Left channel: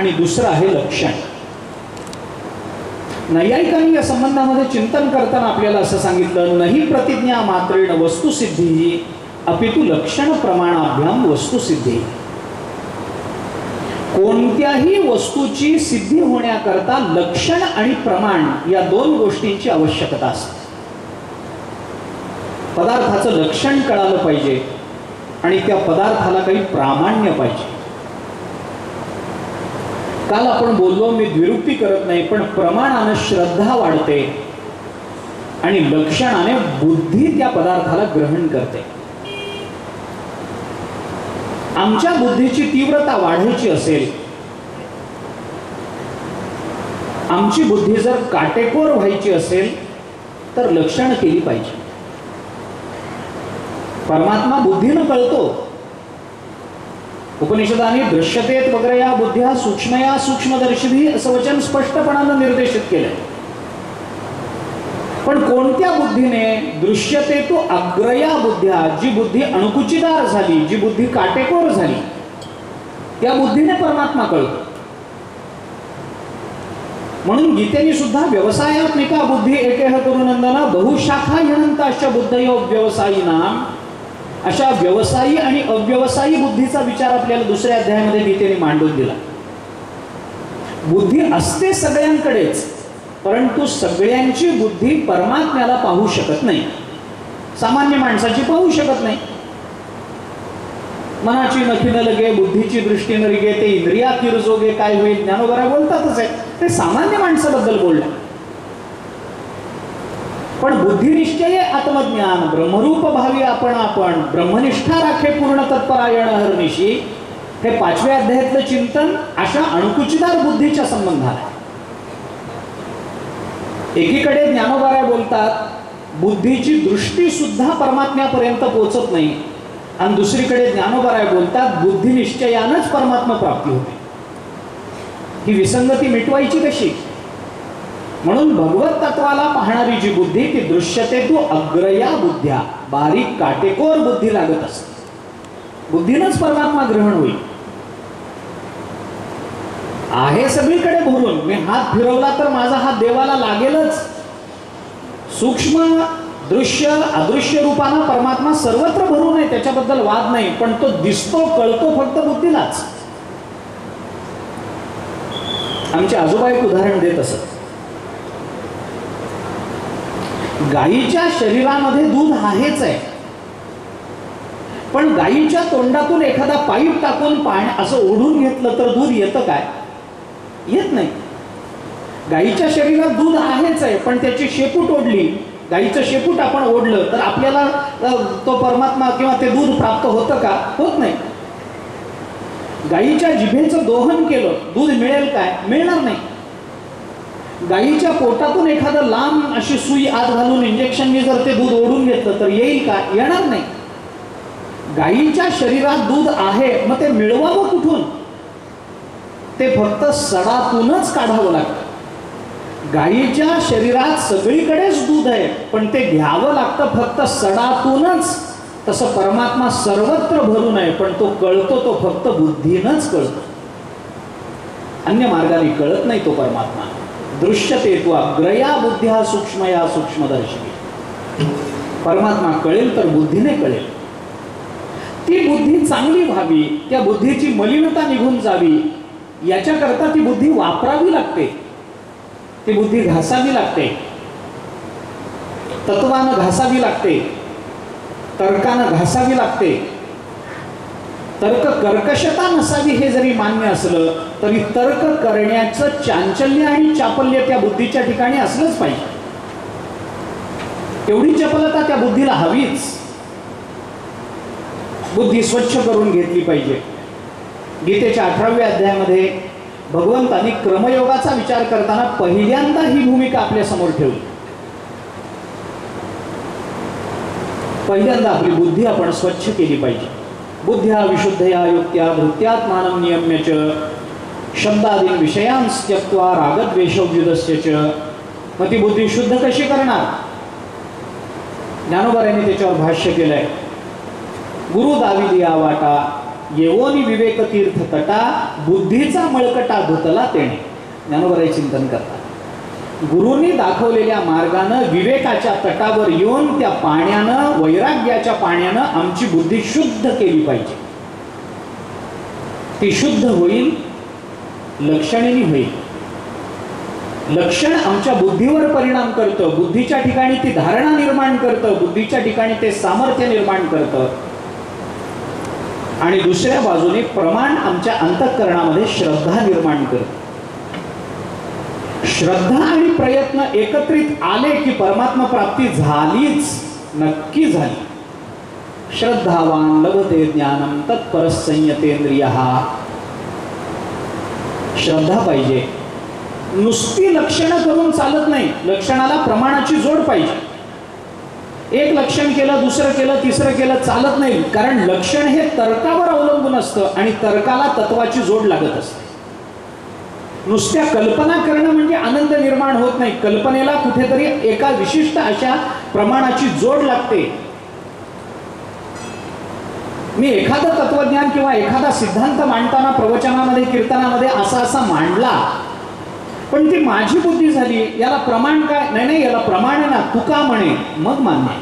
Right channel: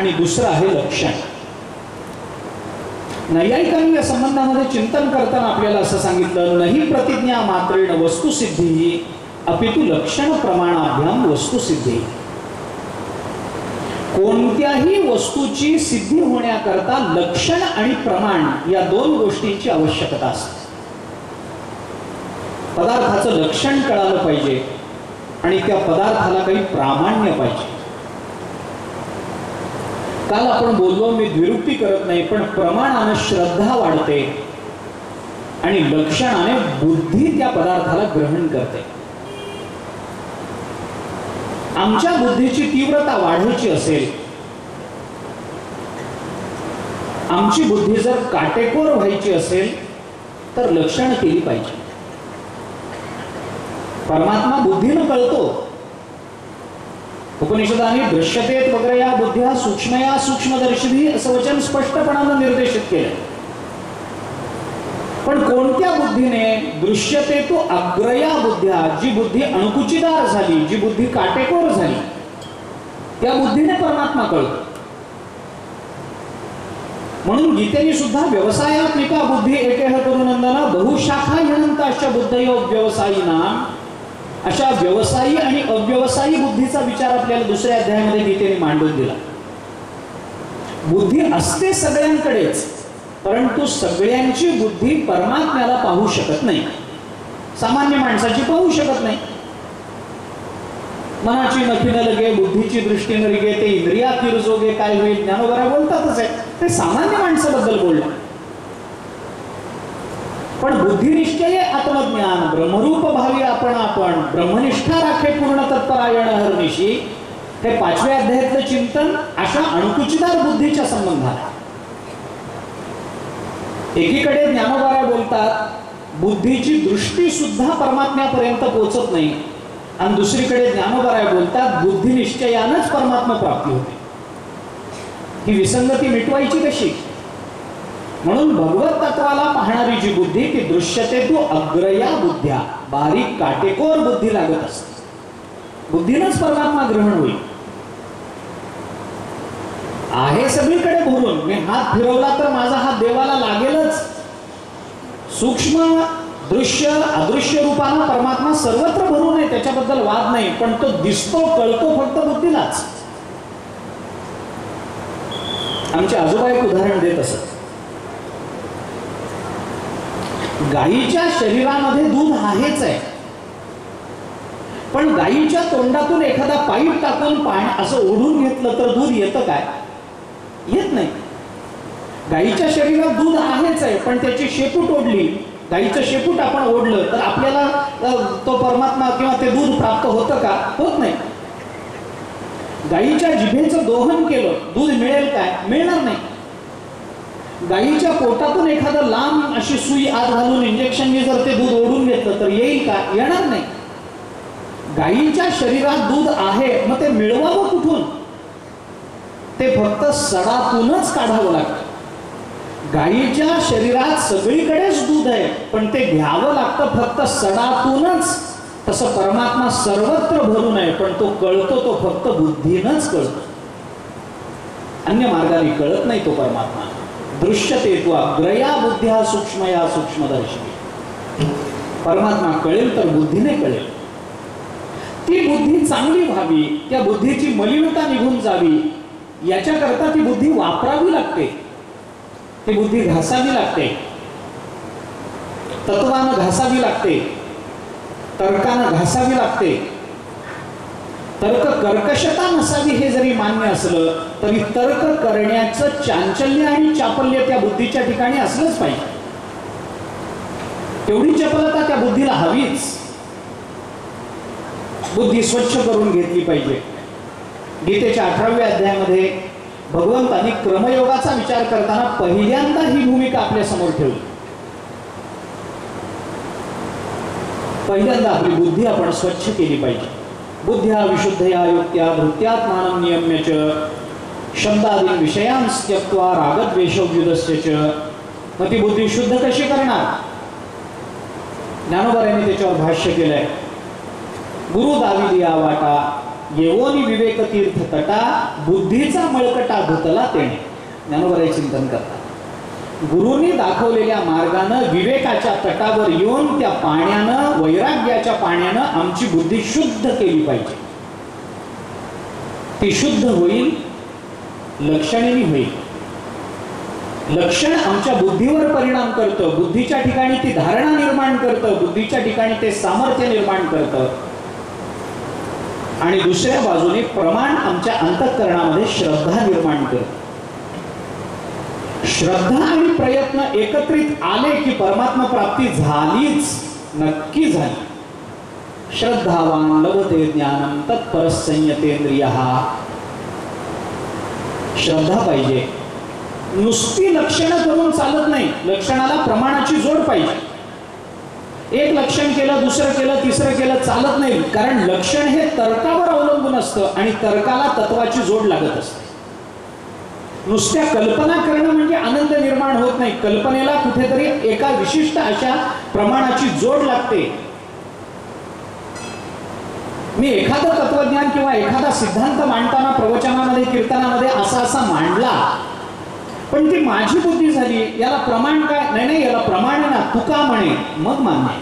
आणि दुसरं आहे लक्षण. नैयायिकांनी या संबंधामध्ये चिंतन करताना आपल्याला असं सांगितलं, नाही प्रतिज्ञा मात्रेण वस्तुसिद्धी अपितु लक्षण प्रमाणाभ्याम वस्तुसिद्धी. कोणत्याही वस्तूची सिद्धी होण्याकरता लक्षण आणि प्रमाण या दोन गोष्टींची आवश्यकता असते. पदार्थाचं लक्षण कळालं पाहिजे आणि त्या पदार्थाला काही प्रामाण्य पाहिजे. काल आपण बोललो, मी द्विरुक्ती करत नाही, पण प्रमाणाने श्रद्धा वाढते आणि लक्षणाने बुद्धी त्या पदार्थाला ग्रहण करते. आमच्या बुद्धीची तीव्रता वाढायची असेल, आमची बुद्धी जर काटेकोर व्हायची असेल तर लक्षण केली पाहिजे. परमात्मा बुद्धीनं कळतो. उपनिषदांनी दृश्यतेत वगैरे या बुद्ध्या सूक्ष्मया सूक्ष्मदर्शिभी असं वचन स्पष्टपणानं निर्देशित केलं. पण कोणत्या बुद्धीने दृश्यते तो अग्रया बुद्ध्या, जी बुद्धी अणकुचीदार झाली, जी बुद्धी काटेकोर झाली, त्या बुद्धीने परमात्मा कळतो. म्हणून गीतेने सुद्धा व्यवसायात्मिका बुद्धी एकेह करुनंदना बहुशाखा यनंताश्च बुद्धयो व्यवसायीनाम, अशा व्यवसायी आणि अव्यवसायी बुद्धीचा विचार आपल्याला दुसऱ्या अध्यायामध्ये गीतेने मांडून दिला. बुद्धी असते सगळ्यांकडेच, परंतु सगळ्यांची बुद्धी परमात्म्याला पाहू शकत नाही. सामान्य माणसाची पाहू शकत नाही. मनाची नखी न लगे, बुद्धीची दृष्टी न रिगे, ते इंद्रिया किरजोगे काय होईल, ज्ञानोबरा बोलतातच आहे. ते सामान्य माणसाबद्दल बोलले. पण बुद्धिनिश्चय आत्मज्ञान ब्रह्मरूप भावी आपण ब्रह्मनिष्ठा राखे पूर्ण तत्परायण हरनिशी, हे 5व्या अध्यायातलं चिंतन अशा अणकुचीदार बुद्धीच्या संबंधात. एकीकडे ज्ञानोबाराय बोलतात बुद्धीची दृष्टी सुद्धा परमात्म्यापर्यंत पोहोचत नाही, आणि दुसरीकडे ज्ञानोबाराय बोलतात बुद्धिनिश्चयानंच परमात्मा प्राप्ती होते. ही विसंगती मिटवायची कशी? म्हणून भगवत तत्वाला पाहणारी जी बुद्धी ती दृश्यते तो अग्रया बुद्ध्या, बारीक काटेकोर बुद्धी लागत असते. बुद्धीनंच परमात्मा ग्रहण होईल. आहे सगळीकडे भरून, मी हात फिरवला तर माझा हात देवाला लागेलच. सूक्ष्म दृश्य अदृश्य रूपानं परमात्मा सर्वत्र भरून आहे, त्याच्याबद्दल वाद नाही. पण तो दिसतो कळतो फक्त बुद्धीलाच. आमचे आजोबा एक उदाहरण देत असत. गायीच्या शरीरामध्ये दूध आहेच आहे, पण गायीच्या तोंडातून एखादा पाईप टाकून पाणी असं ओढून घेतलं तर दूध येतं काय? येत नाही. गायीच्या शरीरात दूध आहेच आहे, पण त्याची शेपूट ओढली, गायीचं शेपूट आपण ओढलं तर आपल्याला तो परमात्मा किंवा ते दूध प्राप्त होतं का? होत नाही. गायीच्या जिभेचं दोहन केलं, दूध मिळेल काय? मिळणार नाही. गायीच्या पोटातून एखादं लांब अशी सुई आत घालून इंजेक्शनने जर ते दूध ओढून घेतलं तर येईल का? येणार नाही. गायीच्या शरीरात दूध आहे, मग ते मिळवावं कुठून? ते फक्त सडातूनच काढावं लागतं. गायीच्या शरीरात सगळीकडेच दूध आहे, पण ते घ्यावं लागतं फक्त सडातूनच. तसं परमात्मा सर्वत्र भरून आहे, पण तो कळतो तो फक्त बुद्धीनंच कळतो. अन्य मार्गाने कळत नाही तो परमात्मा. दृश्यते तो अग्रया बुद्ध्या सूक्ष्मया सूक्ष्मदर्शी. परमात्मा कळेल तर बुद्धीने कळेल. ती बुद्धी चांगली व्हावी, त्या बुद्धीची मलिनता निघून जावी, याच्याकरता ती बुद्धी वापरावी लागते. ती बुद्धी घासावी लागते, तत्वानं घासावी लागते, तर्कानं घासावी लागते. तर्क कर्कशता नसावी हे जरी मान्य असलं तरी तर्क करण्याचं चांचल्य आणि चापल्य त्या बुद्धीच्या ठिकाणी असलंच पाहिजे. तेवढी चपलता त्या बुद्धीला हवीच. बुद्धी स्वच्छ करून घेतली पाहिजे. गीतेच्या 18व्या अध्यायामध्ये भगवंतांनी क्रमयोगाचा विचार करताना पहिल्यांदा ही भूमिका आपल्या समोर ठेवली. पहिल्यांदा आपली बुद्धी आपण स्वच्छ केली पाहिजे. बुद्ध्या विशुद्धया युक्त्या भृत्यात्मानं नियम्य च शब्दादीन विषयांस त्यक्त्वा रागद्वेषोव्युदस्य च. मग ती बुद्धी शुद्ध कशी करणार? ज्ञानोबा यांनी त्याच्यावर भाष्य केलंय. गुरु दावी दिया वाटा येवोनी विवेक तीर्थ तटा बुद्धीचा मळकटा धुतला तेणे. ज्ञानोबराय चिंतन करतात गुरूंनी दाखवलेल्या मार्गानं विवेकाच्या तटावर येऊन त्या पाण्यानं वैराग्याच्या पाण्यानं आमची बुद्धी शुद्ध केली पाहिजे. ती शुद्ध होईल, लक्षणेनी होईल. लक्षण आमच्या बुद्धीवर परिणाम करतं, बुद्धीच्या ठिकाणी ती धारणा निर्माण करतं, बुद्धीच्या ठिकाणी ते सामर्थ्य निर्माण करतं. आणि दुसऱ्या बाजूने प्रमाण आमच्या अंतःकरणामध्ये श्रद्धा निर्माण करतं. श्रद्धा आणि प्रयत्न एकत्रित आले की परमात्मा प्राप्ती झालीच, नक्की झाली. श्रद्धावान लभते ज्ञानम तत्परः संयतेंद्रियः. श्रद्धा पाहिजे. नुसती लक्षणं करून चालत नाही, लक्षणाला प्रमाणाची जोड पाहिजे. एक लक्षण केलं, दुसरं केलं, तिसरं केलं चालत नाही. कारण लक्षण हे तर्कावर अवलंबून असतं आणि तर्काला तत्वाची जोड लागत असते. नुसत्या कल्पना करणं म्हणजे आनंद निर्माण होत नाही. कल्पनेला कुठेतरी एका विशिष्ट अशा प्रमाणाची जोड लागते. मी एखादं तत्वज्ञान किंवा एखादा सिद्धांत मांडताना प्रवचनामध्ये कीर्तनामध्ये असा मांडला, पण ती माझी बुद्धी झाली, याला प्रमाण काय? नाही, याला प्रमाण आहे ना, तुका म्हणे, मग मान्य.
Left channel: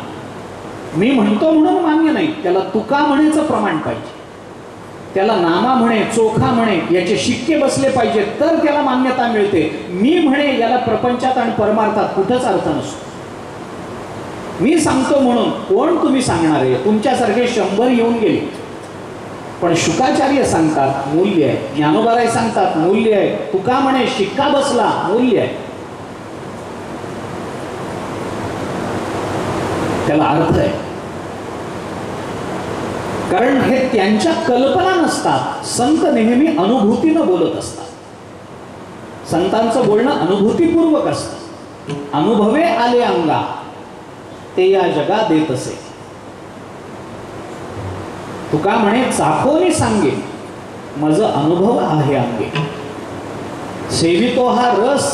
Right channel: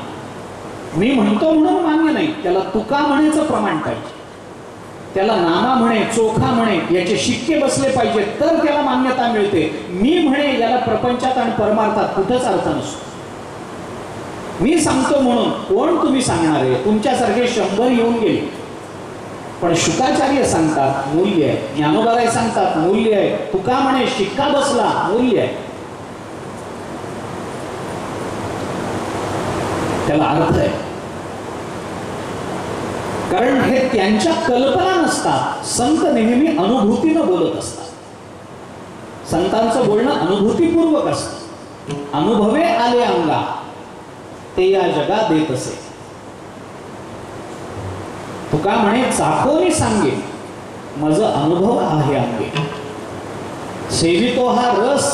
मी म्हणतो म्हणून मान्य नाही, त्याला तुका म्हणेचं प्रमाण पाहिजे. त्याला नामा म्हणे, चोखा म्हणे, याचे शिक्के बसले पाहिजे, तर त्याला मान्यता मिळते. मी म्हणे याला प्रपंचात आणि परमार्थात कुठंच अर्थ नसतो. मी सांगतो म्हणून कोण तुम्ही सांगणारे? तुमच्यासारखे 100 येऊन गेले. पण शुकाचार्य सांगतात मूल्य आहे, ज्ञानोबाराय सांगतात मूल्य आहे, तुका म्हणे शिक्का बसला, मूल्य आहे, त्याला अर्थ आहे. कारण हे त्यांच्या कल्पना नसतात. संत नेहमी अनुभूतीनं बोलत असतात. संतांचं बोलणं अनुभूतीपूर्वक असतं. अनुभवे आले अंगा ते या जगा देत असे. तुका म्हणे चाकोनी सांगे माझ अनुभव आहे अंगे. सेवितो हा रस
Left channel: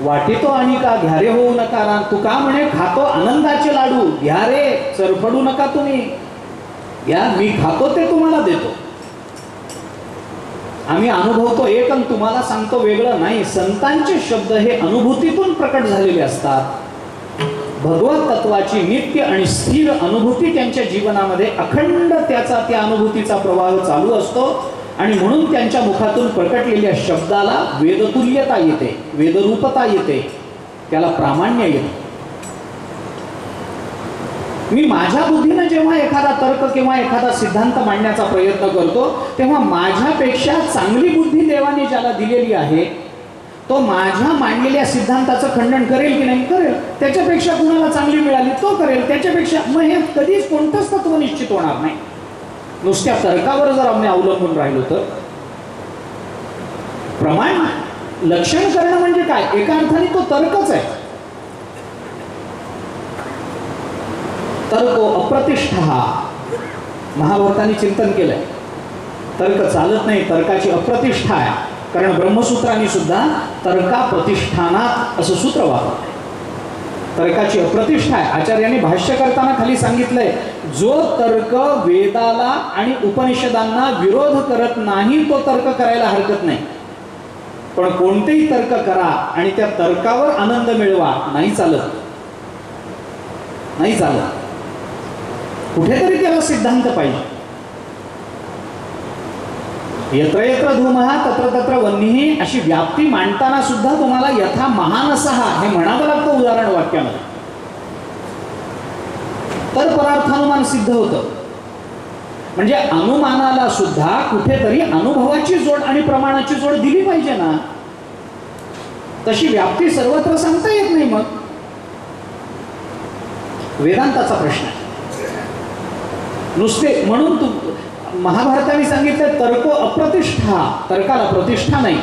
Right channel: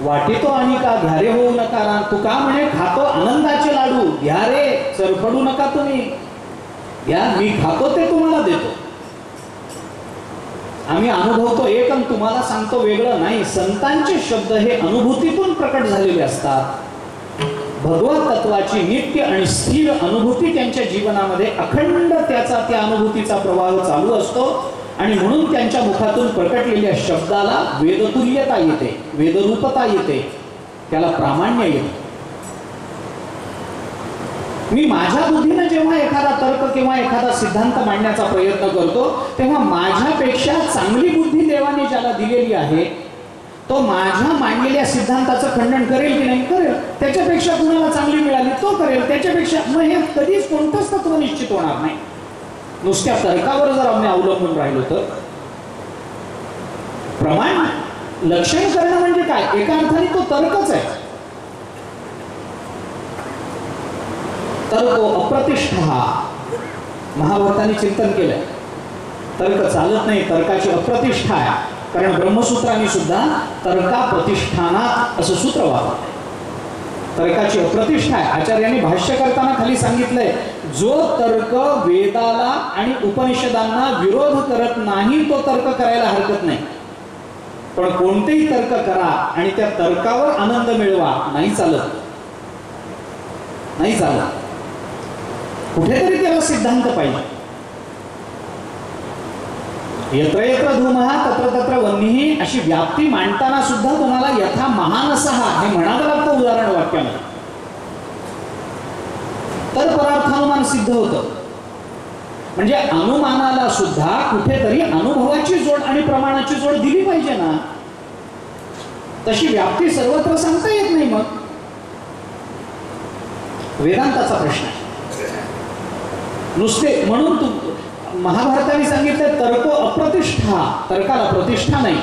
वाटितो आणि का घ्यारे होऊ नका. तुका म्हणे खातो आनंदाचे लाडू, घ्यारे चरफडू नका तुम्ही. या मी खातो ते तुम्हाला देतो. आम्ही अनुभवतो एक आणि तुम्हाला सांगतो वेगळं नाही. संतांचे शब्द हे अनुभूतीतून प्रकट झालेले असतात. भगवत तत्वाची नित्य आणि स्थिर अनुभूती त्यांच्या जीवनामध्ये अखंड त्या अनुभूतीचा प्रवाह चालू असतो. आणि म्हणून त्यांच्या मुखातून प्रकटलेल्या शब्दाला वेदतुल्यता येते, वेदरूपता येते, त्याला प्रामाण्य येते. मी माझ्या बुद्धीने जेव्हा एखादा तर्क किंवा एखादा सिद्धांत मांडण्याचा प्रयत्न करतो, तेव्हा माझ्यापेक्षा चांगली बुद्धी देवाने ज्याला दिलेली आहे तो माझ्या मांडलेल्या सिद्धांताचं खंडन करेल की नाही? करेल. त्याच्यापेक्षा कुणाला चांगली मिळाली तो करेल. त्याच्यापेक्षा मग हे कधीच कोणतंच तत्व निश्चित होणार नाही. नुसत्या तर्कावर जर आम्ही अवलंबून राहिलो तर. प्रमाण लक्षण करणं म्हणजे काय? एका अर्थाने तो तर्कच आहे. तर्को अप्रतिष्ठा. महाभारताने चिंतन केलंय. तर्क चालत नाही, तर्काची अप्रतिष्ठा आहे. कारण ब्रह्मसूत्रांनी सुद्धा तर्का प्रतिष्ठानात असं सूत्र वापरलंय. तर्काची अप्रतिष्ठा आहे. आचार्यांनी भाष्य करताना खाली सांगितलंय, जो तर्क वेदाला आणि उपनिषदांना विरोध करत नाही तो तर्क करायला हरकत नाही. पण कोणतेही तर्क करा आणि त्या तर्कावर आनंद मिळवा, नाही चालत, नाही चालत. कुठेतरी त्याला सिद्धांत पाहिजे. यत्र यत्र धूमः तत्र तत्र वह्निः अशी व्याप्ती मांडताना सुद्धा तुम्हाला यथा महानसः हे म्हणावं लागतं उदाहरण वाक्यामध्ये. तर परार्थानुमान सिद्ध होतं. म्हणजे अनुमानाला सुद्धा कुठेतरी अनुभवाची जोड आणि प्रमाणाची जोड दिली पाहिजे ना. तशी व्याप्ती सर्वत्र सांगता येत नाही. मग वेदांताचा प्रश्न आहे. नुसते म्हणून महाभारताने सांगितलं तर्को अप्रतिष्ठा, तर्काला प्रतिष्ठा नाही.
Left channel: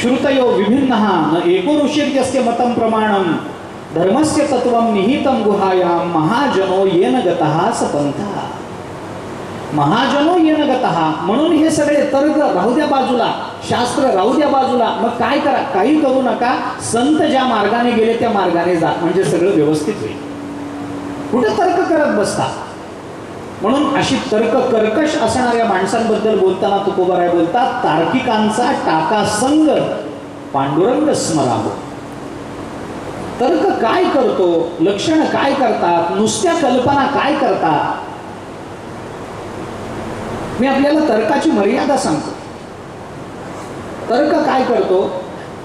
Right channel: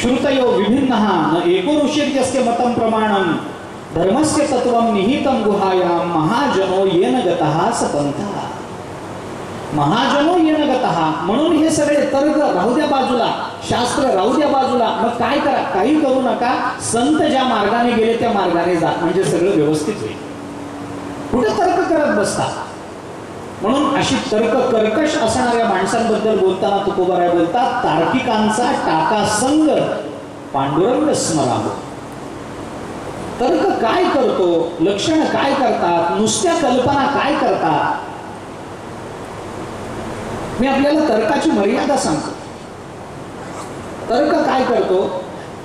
श्रुतयो विभिन्नः न एको ऋषिर्यस्य मतं प्रमाणं धर्मस्य तत्वं निहितं गुहायां महाजनो येन गतः स पंथः. महाजनो येन गतः म्हणून हे सगळे तर्क राहू द्या बाजूला, शास्त्र राहू द्या बाजूला. मग काय करा? काही करू नका. संत ज्या मार्गाने गेले त्या मार्गाने जा, म्हणजे सगळं व्यवस्थित होईल. कुठे तर्क करत बसता? म्हणून अशी तर्क कर्कश असणाऱ्या माणसांबद्दल बोलताना तुकोबाराय बोलतात, तार्किकांचा टाका संग पांडुरंग स्मरावो. तर्क काय करतो, लक्षण काय करतात, नुसत्या कल्पना काय करतात. मी आपल्याला तर्काची मर्यादा सांगतो. तर्क काय करतो,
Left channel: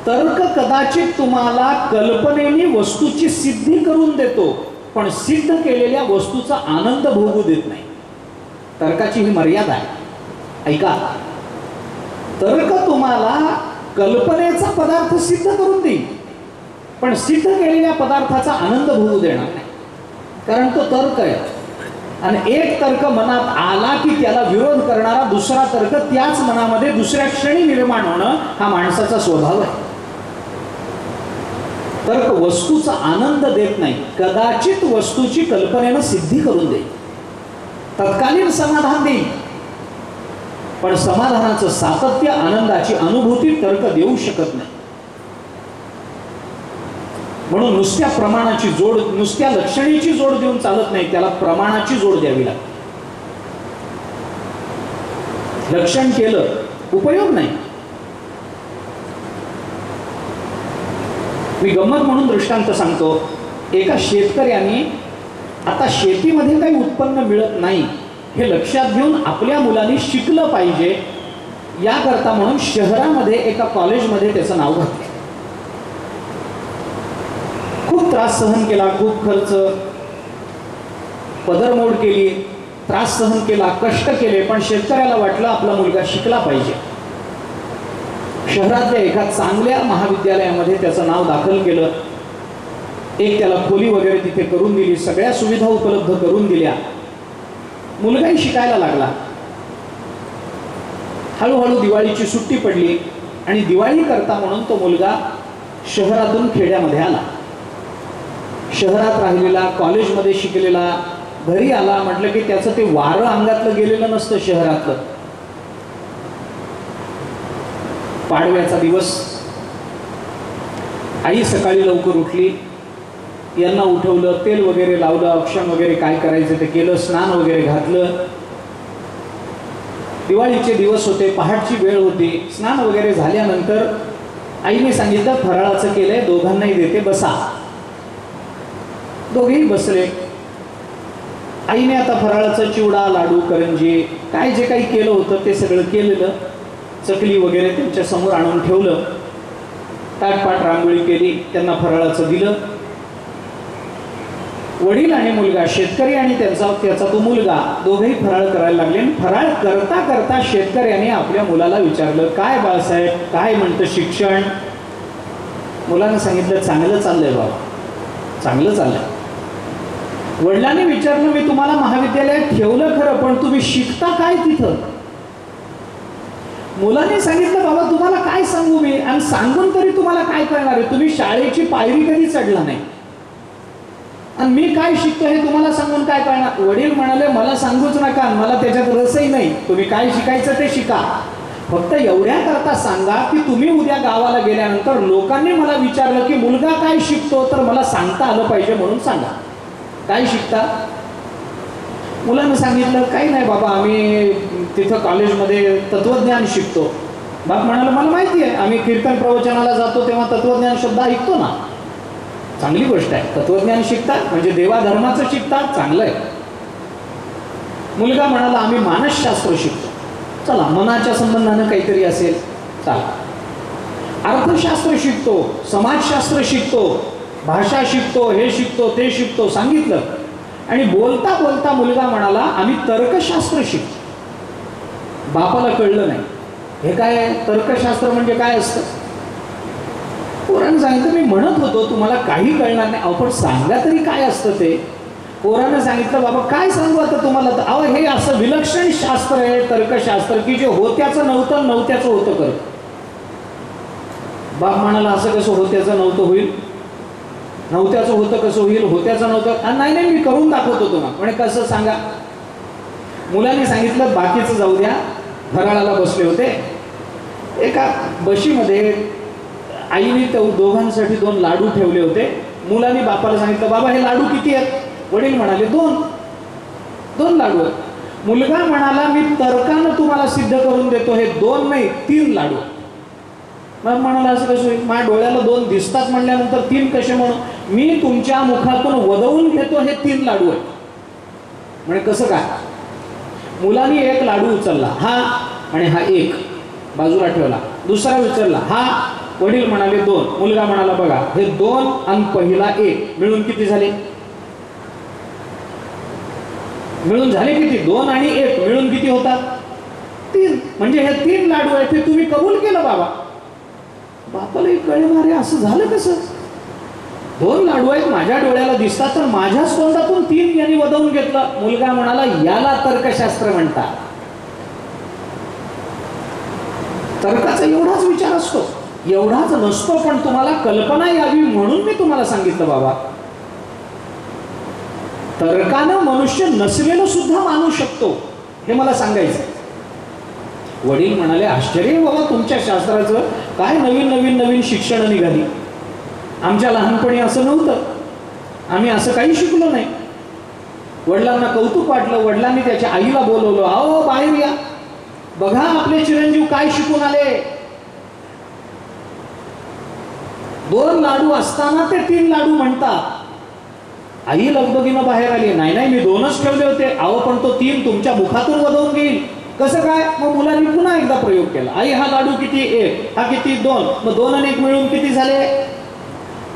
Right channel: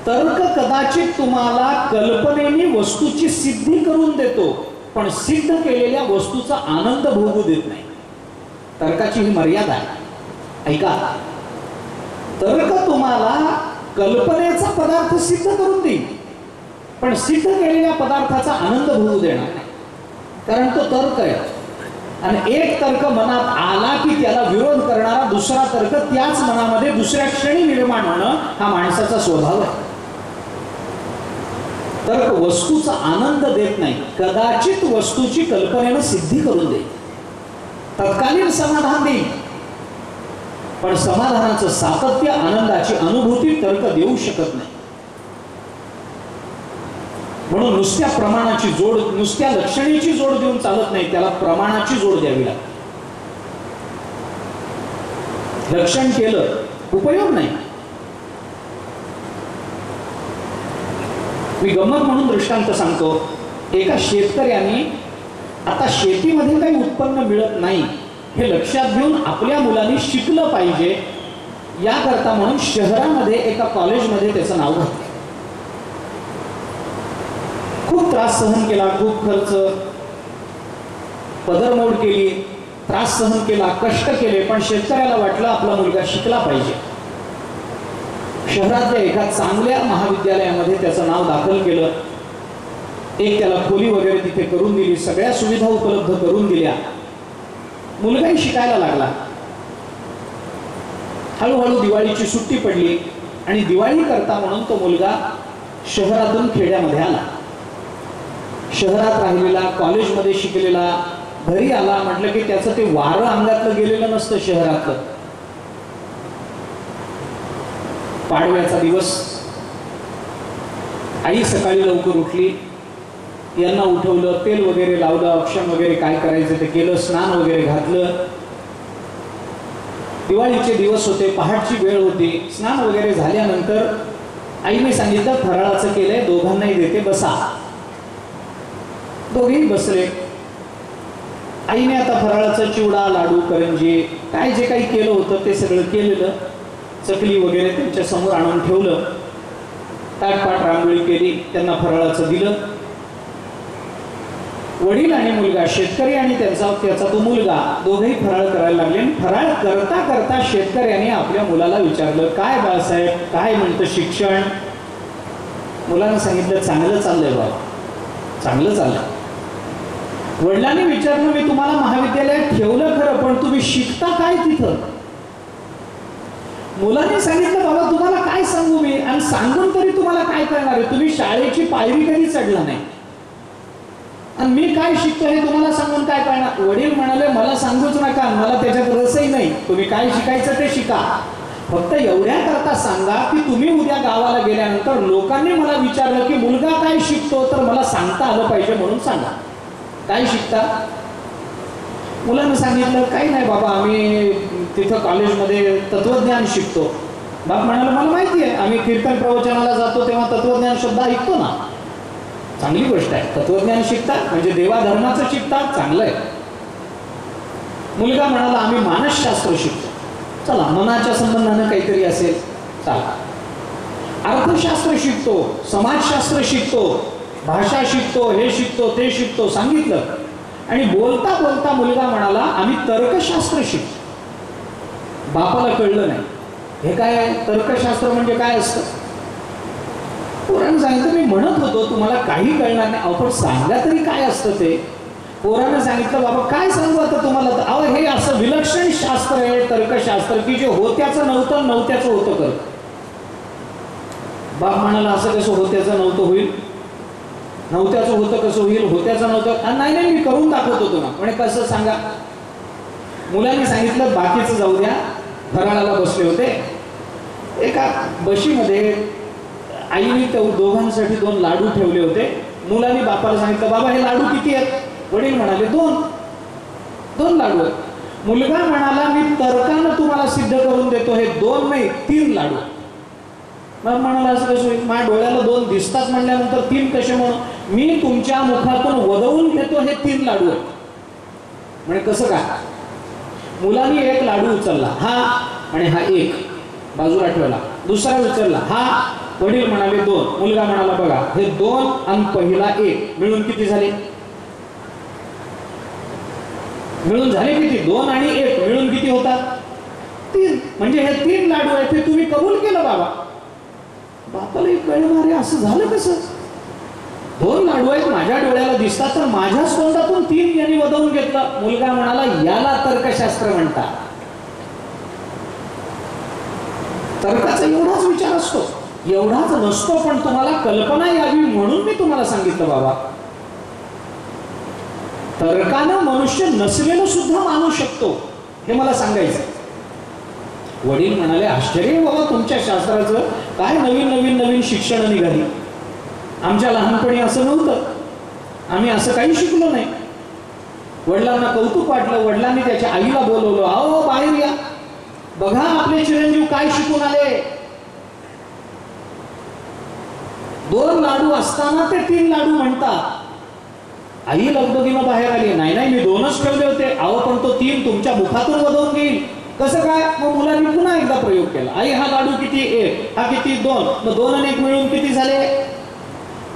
तर्क कदाचित तुम्हाला कल्पनेने वस्तूची सिद्धी करून देतो, पण सिद्ध केलेल्या वस्तूचा आनंद भोगू देत नाही. तर्काची ही मर्यादा आहे. ऐका, तर्क तुम्हाला कल्पनेचा पदार्थ सिद्ध करून देईल, पण सिद्ध केलेल्या पदार्थाचा आनंद भोगू देणार नाही. कारण तो तर्क आहे, आणि एक तर्क मनात आला की त्याला विरोध करणारा दुसरा तर्क त्याच मनामध्ये दुसऱ्या क्षणी निर्माण होणं हा माणसाचा स्वभाव आहे. तर्क वस्तूचा आनंद देत नाही, कदाचित वस्तूची कल्पनेनं सिद्धी करून देईल, तत्कालीन समाधान देईल, पण समाधानाचं सातत्य, आनंदाची अनुभूती तर्क देऊ शकत नाही. म्हणून नुसत्या प्रमाणाची जोड, नुसत्या लक्षणीची जोड देऊन चालत नाही, त्याला प्रमाणाची जोड द्यावी लागते. लक्षण केलं उपयोग नाही. मी गंमत म्हणून दृष्टांत सांगतो. एका शेतकऱ्याने आता शेतीमध्ये काही उत्पन्न मिळत नाही हे लक्षात घेऊन आपल्या मुलांनी शिकलं पाहिजे याकरता म्हणून शहरामध्ये एका कॉलेजमध्ये त्याचं नाव घातलं. खूप त्रास सहन केला, खूप खर्च, पदरमोड केली, त्रास सहन केला, कष्ट केले, पण शेतकऱ्याला वाटलं आपला मुलगा शिकला पाहिजे. शहरातल्या एका चांगल्या महाविद्यालयामध्ये त्याचं नाव दाखल केलं. एक त्याला खोली वगैरे तिथे करून दिली, सगळ्या सुविधा उपलब्ध करून दिल्या. मुलगाही शिकायला लागला. हळूहळू दिवाळीची सुट्टी पडली आणि दिवाळी करता म्हणून तो मुलगा शहरातून खेड्यामध्ये आला. शहरात राहिलेला, कॉलेजमध्ये शिकलेला, घरी आला म्हटलं की त्याचं ते वारं अंगातलं गेलेलं नसतं शहरातलं. पाडव्याचा दिवस, आई सकाळी लवकर उठली, यांना उठवलं, तेल वगैरे लावलं, अक्षम वगैरे काय करायचं ते केलं, स्नान वगैरे घातलं. दिवाळीचे दिवस होते, पहाटची वेळ होती. स्नान वगैरे झाल्यानंतर आईने सांगितलं फराळाचं केलंय, दोघांनाही देते, बसा. दोघेही बसले. आईने आता फराळाचं चिवडा, लाडू, करंजी काय जे काही केलं होतं ते सगळं केलेलं, चकली वगैरे त्यांच्या समोर आणून ठेवलं. ताटपाट रांगोळी केली, त्यांना फराळाचं दिलं. वडील आणि मुलगा, शेतकरी आणि त्याचा तो मुलगा, दोघेही फराळ करायला लागले. फराळ करता करता शेतकऱ्याने आपल्या मुलाला विचारलं, काय बाळासाहेब, काय म्हणतं शिक्षण? मुलानं सांगितलं, चांगलं चाललंय बाबा, चांगलं चाललंय. वडिलांनी विचारलं, मी तुम्हाला महाविद्यालयात ठेवलं खरं, पण तुम्ही शिकता काय तिथं? मुलाने सांगितलं, बाबा तुम्हाला काय सांगू मी, आणि सांगून तरी तुम्हाला काय करणार आहे? तुम्ही शाळेची पायरी कधी चढला नाही, आणि मी काय शिकतो हे तुम्हाला सांगून काय करणार? वडील म्हणाले, मला सांगूच नका, मला त्याच्यात रसही नाही, तुम्ही काय शिकायचं ते शिका. फक्त एवढ्या करता सांगा की तुम्ही उद्या गावाला गेल्यानंतर लोकांनी मला विचारलं की मुलगा काय शिकतो, तर मला सांगता आलं पाहिजे, म्हणून सांगा काय शिकता. मुलानं सांगितलं, काही नाही बाबा, आम्ही तिथं कॉलेजमध्ये तत्वज्ञान शिकतो. बाप म्हणाला, मला माहिती आहे, आम्ही कीर्तन प्रवचनाला जातो तेव्हा तत्वज्ञान शब्द ऐकतो ना, चांगली गोष्ट आहे. तत्वज्ञान शिकतात म्हणजे देवाधर्माचं शिकतात, चांगलं आहे. मुलगा म्हणाला, आम्ही मानसशास्त्र शिकतो. चला, मनाच्या संबंधानं काहीतरी असेल, चला. अर्थशास्त्र शिकतो, समाजशास्त्र शिकतो, भाषा शिकतो, हे शिकतो, ते शिकतो, सांगितलं. आणि बोलता बोलता मुलगा म्हणाला, आम्ही तर्कशास्त्र शिकतो. बापाला कळलं नाही, हे काय आहे, तर्कशास्त्र म्हणजे काय असतं. पोरानं सांगितलं, मी म्हणत होतो तुम्हाला काही कळणार नाही, अहो पण सांगा तरी काय असतं ते. पोरानं सांगितलं, बाबा काय सांगू आता तुम्हाला, अहो हे असं विलक्षण शास्त्र आहे तर्कशास्त्र की जे होत्याचं नव्हतं, नव्हत्याचं होतं करत. बाप म्हणाला, असं कसं होत्याचं नव्हतं होईल, नव्हत्याचं होतं कसं होईल, होत्याचं नव्हतं? नाही नाही, मी करून दाखवतो तुम्हाला. म्हणजे कसं सांगा. मुलाने सांगितलं, बाकीचं जाऊ द्या. फराळाला बसले होते, एका बशीमध्ये आईने दोघांसाठी 2 लाडू ठेवले होते. मुलाने बापाला सांगितलं, बाबा हे लाडू किती आहेत? वडील म्हणाले, 2. 2 लाडू आहेत. मुलगा म्हणाला मी तर्कानं तुम्हाला सिद्ध करून देतो, हे 2 नाही 3 लाडू. मग म्हणाला असं कसं होईल, माझ्या डोळ्याला 2 दिसतात म्हणल्यानंतर 3 कसे म्हणू, मी तुमच्या मुखातून वदवून घेतो हे 3 लाडू आहेत. म्हणजे कसं काय, मुलाने 1 लाडू उचलला हा आणि हा 1 बाजूला ठेवला, दुसरा उचलला हा, वडील म्हणाले 2, मुलगा म्हणाला बघा हे 2 आणि पहिला 1 मिळून किती झाले, मिळून झाले किती, 2 आणि 1 मिळून किती होतात 3. म्हणजे हे 3 लाडू आहेत ते तुम्ही कबूल केलं बाबा. बापाला कळणार आहे असं झालं कसं, 2 लाडू आहेत माझ्या डोळ्याला दिसतात तर माझ्याच तोंडातून 3 यांनी वदवून घेतलं. मुलगा म्हणाला याला तर्कशास्त्र म्हणतात. तर्काचा एवढाच विचार असतो, एवढाच नसतो, पण तुम्हाला कल्पना यावी म्हणून मी तुम्हाला सांगितलं बाबा. तर्कानं मनुष्य नसलेलं सुद्धा मानू शकतो हे मला सांगायचं. वडील म्हणाले आश्चर्य बाबा तुमच्या शास्त्राचं, काय नवीन नवीन नवीन शिक्षण निघाली, आमच्या लहानपणी असं नव्हतं, आम्ही असं काही शिकलो नाही. वडिलांना कौतुक वाटलं, वडिलांनी त्याच्या आईला बोलवलं, अहो बाहेर या, बघा आपले चिरंजीव काय शिकून आले. 2 लाडू असताना ते 3 लाडू म्हणतात. आई लगबगीनं बाहेर आली, नाही नाही मी 2च ठेवले होते. अहो पण तो 3 तुमच्या मुखातून वदवून घेईल कसं काय. मग मुलांनी पुन्हा एकदा प्रयोग केला, आई हा लाडू किती 1, हा किती 2, मग 2 आणि 1 मिळून किती झाले.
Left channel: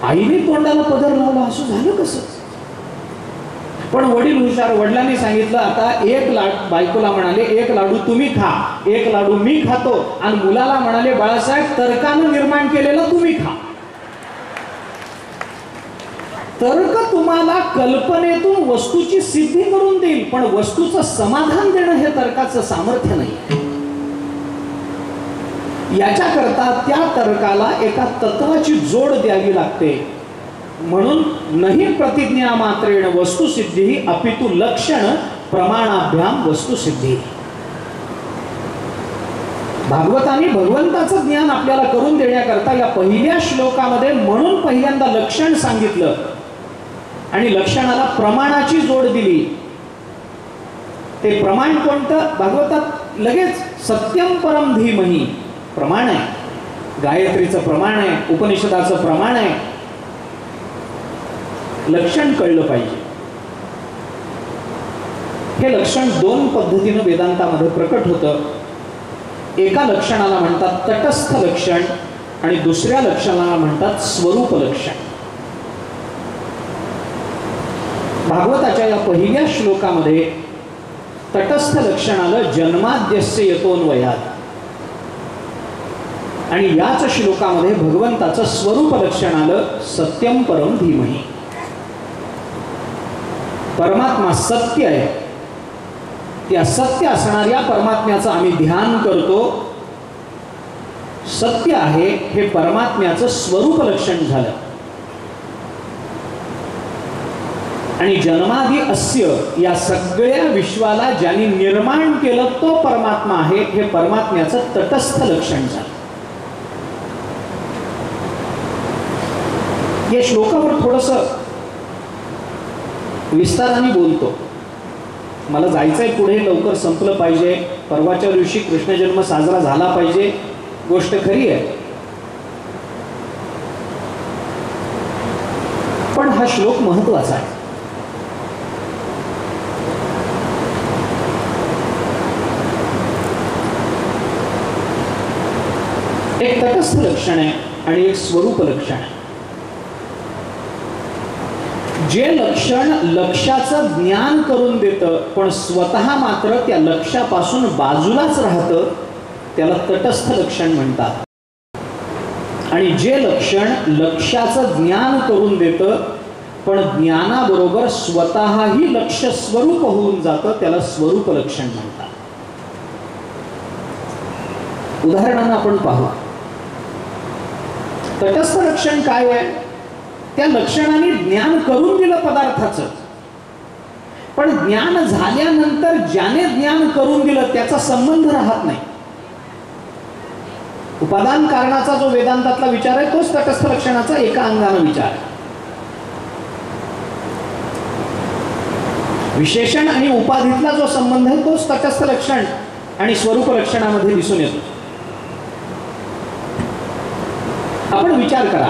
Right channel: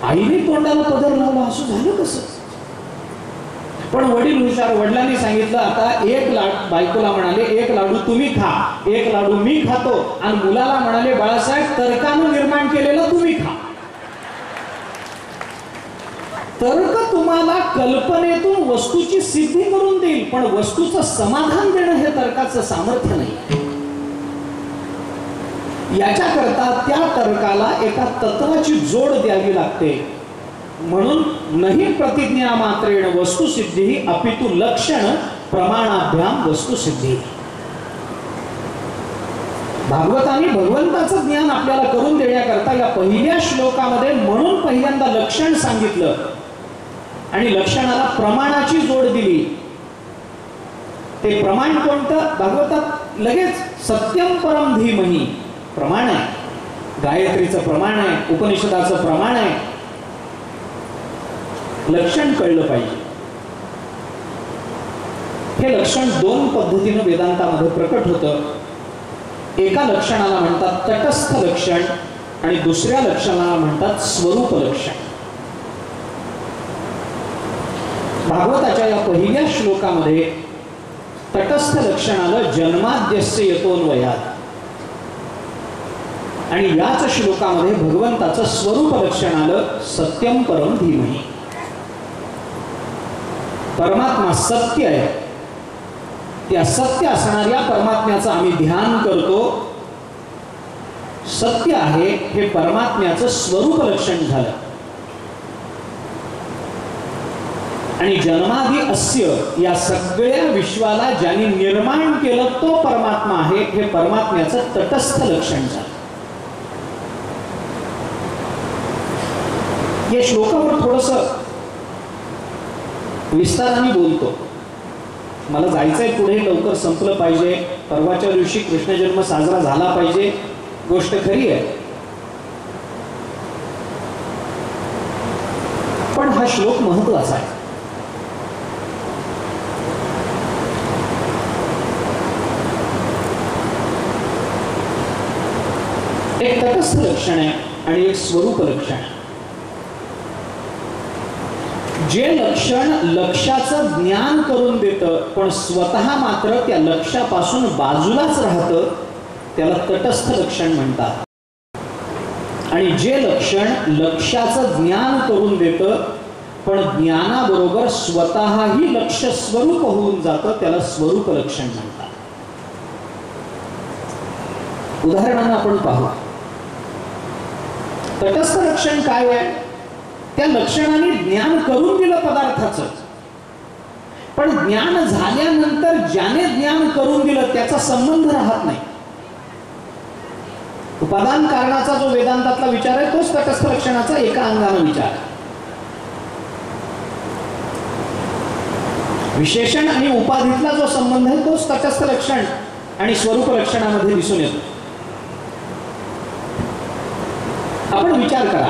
आईने तोंडाला पदर लावला, असं झालं कसं. पण वडील हुशार, वडिलांनी सांगितलं आता 1 लाडू, बायकोला म्हणाले 1 लाडू तुम्ही खा, 1 लाडू मी खातो, आणि मुलाला म्हणाले बाळासाहेब तर्कानं निर्माण केलेलं तुम्ही खा. तर्क तुम्हाला कल्पनेतून वस्तूची सिद्धी करून देईल, पण वस्तूचं समाधान देणं हे तर्काचं सामर्थ्य नाही. याच्याकरता त्या तर्काला एका तत्वाची जोड द्यावी लागते. म्हणून नहि प्रतिज्ञा मात्रेण वस्तुसिद्धी अपितु लक्षण प्रमाणाभ्याम वस्तुसिद्धी. भागवताने भगवंताचं ज्ञान आपल्याला करून देण्याकरता या पहिल्या श्लोकामध्ये म्हणून पहिल्यांदा लक्षण सांगितलं आणि लक्षणाला प्रमाणाची जोड दिली. ते प्रमाण कोणतं, भागवतात लगेच सत्यम परम धीमहि प्रमाण आहे, गायत्रीचं प्रमाण आहे, उपनिषदाचं प्रमाण आहे. लक्षण कळलं पाहिजे. हे लक्षण 2 पद्धतीनं वेदांतामध्ये प्रकट होतं. एका लक्षणाला म्हणतात तटस्थ लक्षण आणि दुसऱ्या लक्षणाला म्हणतात स्वरूप लक्षण. भागवताच्या या पहिल्या श्लोकामध्ये तटस्थ लक्षणाला जन्माद्यस्य यतोन्वयात आणि याच श्लोकामध्ये भगवंताचं स्वरूप लक्षण आलं सत्यम परम धीमहि. परमात्मा सत्य आहे, त्या सत्य असणाऱ्या परमात्म्याचं आम्ही ध्यान करतो. सत्य आहे हे परमात्म्याचं स्वरूप लक्षण झालं. आणि जन्मादि अस्य या सगळ्या विश्वाला ज्यांनी निर्माण केलं तो परमात्मा आहे हे परमात्म्याचं तटस्थ लक्षण झालं. या श्लोकावर थोडंसं विस्ताराने बोलतो. मला जायचंय पुढे, लवकर संपलं पाहिजे, परवाच्या दिवशी कृष्ण जन्म साजरा झाला पाहिजे, गोष्ट खरी आहे. पण हा श्लोक महत्वाचा आहे. एक तटस्थ लक्षण आहे आणि एक स्वरूप लक्षण आहे. जे लक्षण लक्ष्याचं ज्ञान करून देतं पण स्वतः मात्र त्या लक्ष्यापासून बाजूलाच राहतं त्याला तटस्थ लक्षण म्हणतात. आणि जे लक्षण लक्ष्याचं ज्ञान करून देतं पण ज्ञानाबरोबर स्वतःही लक्ष्य स्वरूप होऊन जातं त्याला स्वरूप लक्षण म्हणतात. उदाहरणानं आपण पाहू. तटस्थ लक्षण काय आहे, त्या लक्षणाने ज्ञान करून दिलं पदार्थाचं, पण ज्ञान झाल्यानंतर ज्याने ज्ञान करून दिलं त्याचा संबंध राहत नाही. उपादान कारणाचा जो वेदांतातला विचार आहे तोच तटस्थ लक्षणाचा एका अंगाने विचार आहे. विशेषण आणि उपाधीतला जो संबंध आहे तोच तटस्थ लक्षण आणि स्वरूप लक्षणामध्ये दिसून येतो. आपण विचार करा,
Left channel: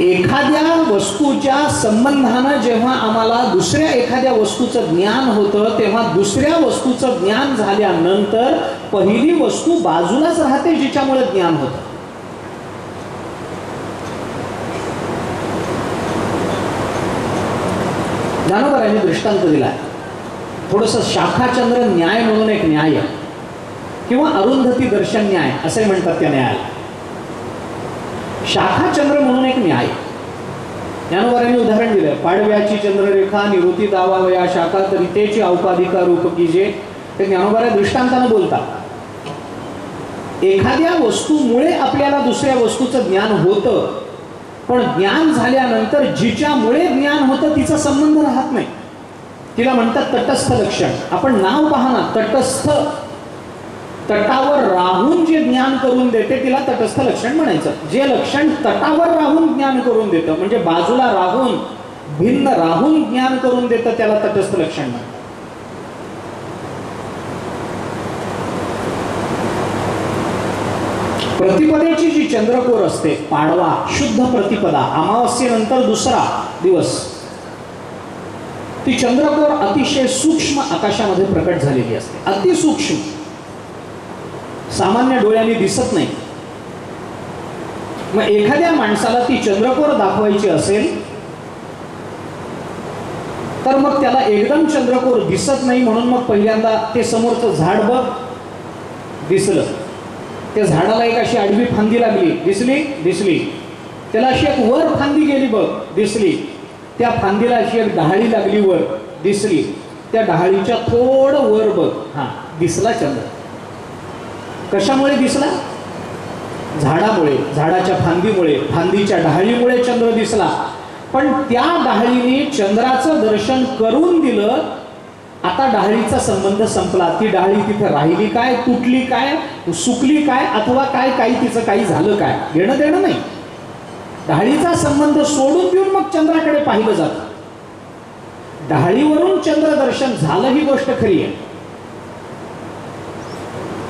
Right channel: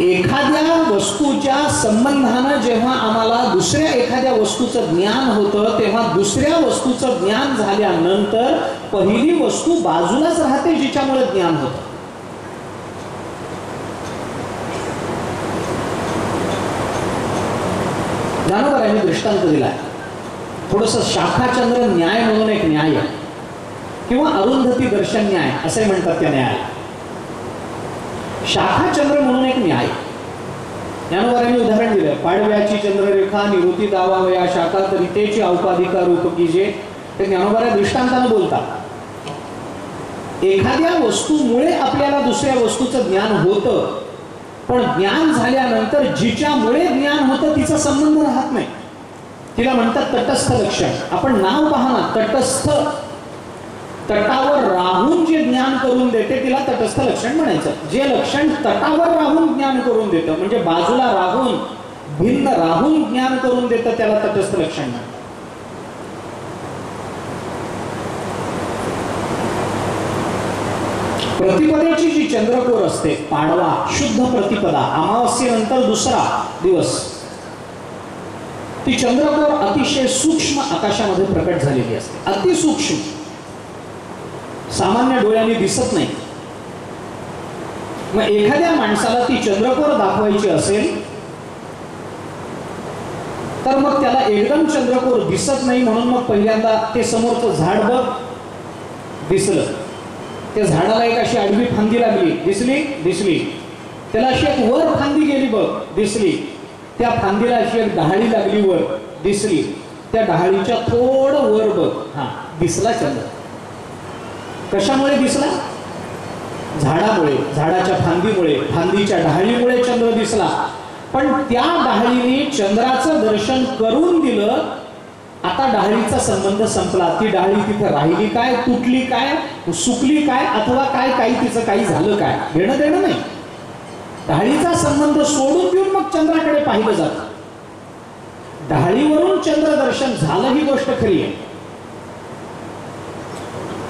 एखाद्या वस्तूच्या संबंधानं जेव्हा आम्हाला दुसऱ्या एखाद्या वस्तूचं ज्ञान होतं, तेव्हा दुसऱ्या वस्तूचं ज्ञान झाल्यानंतर पहिली वस्तू बाजूलाच राहते जिच्यामुळे ज्ञान होतं. ज्ञानोबरांनी दृष्टांत दिला. थोडंसं शाखाचंद्र न्याय म्हणून एक न्याय आहे, किंवा अरुंधती दर्शन न्याय असे म्हणतात त्या न्यायाला. शाखाचंद्र म्हणून एक न्याय. ज्ञानोबरांनी उदाहरण दिलं, पाडव्याची चंद्ररेखा निवृत्ती दावावया शाखा तरी तेची औपाधिका रूप की जे. ते ज्ञानोबरा दृष्टांतानं बोलतात. एखाद्या वस्तूमुळे आपल्याला दुसऱ्या वस्तूचं ज्ञान होतं, पण ज्ञान झाल्यानंतर जिच्यामुळे ज्ञान होतं तिचा संबंध राहत नाही. तिला म्हणतात तटस्थ लक्षण. आपण नाव पहा ना, तटस्थ, तटावर राहून जे ज्ञान करून देते तिला तटस्थ लक्षण म्हणायचं. जे लक्षण तटावर राहून ज्ञान करून देतं, म्हणजे बाजूला राहून, भिन्न राहून ज्ञान करून देतं, त्याला तटस्थ लक्षण म्हणतात. प्रतिपदेची जी चंद्रकोर असते, पाडवा शुद्ध प्रतिपदा, अमावस्येनंतर दुसरा दिवस, ती चंद्रकोर अतिशय सूक्ष्म आकाशामध्ये प्रकट झालेली असते. अतिसूक्ष्म, सामान्य डोळ्यांनी दिसत नाही. मग एखाद्या माणसाला ती चंद्रकोर दाखवायची असेल तर मग त्याला एकदम चंद्रकोर दिसत नाही, म्हणून मग पहिल्यांदा ते समोरचं झाड बघ, दिसलं. त्या झाडाला एक अशी आडवी फांदी लागली, दिसली, दिसली. त्याला अशी एक वर फांदी गेली बघ, दिसली. त्या फांदीला अशी एक डहाळी लागली वर, दिसली. त्या डहाळीच्या थोडं वर बघ, हा दिसला चंद्र. कशामुळे दिसला? झाडामुळे, झाडाच्या फांदीमुळे, फांदीच्या डहाळीमुळे चंद्र दिसला. पण त्या डहाळीने चंद्राचं दर्शन करून दिलं. आता डहाळीचा संबंध संपला. ती डहाळी तिथे राहिली काय, तुटली काय, सुकली काय, अथवा काय काही तिचं काही झालं काय, घेणं देणं नाही. डहाळीचा संबंध सोडून देऊन मग चंद्राकडे पाहिलं जातं. डहाळीवरून चंद्र दर्शन झालं ही गोष्ट खरी आहे,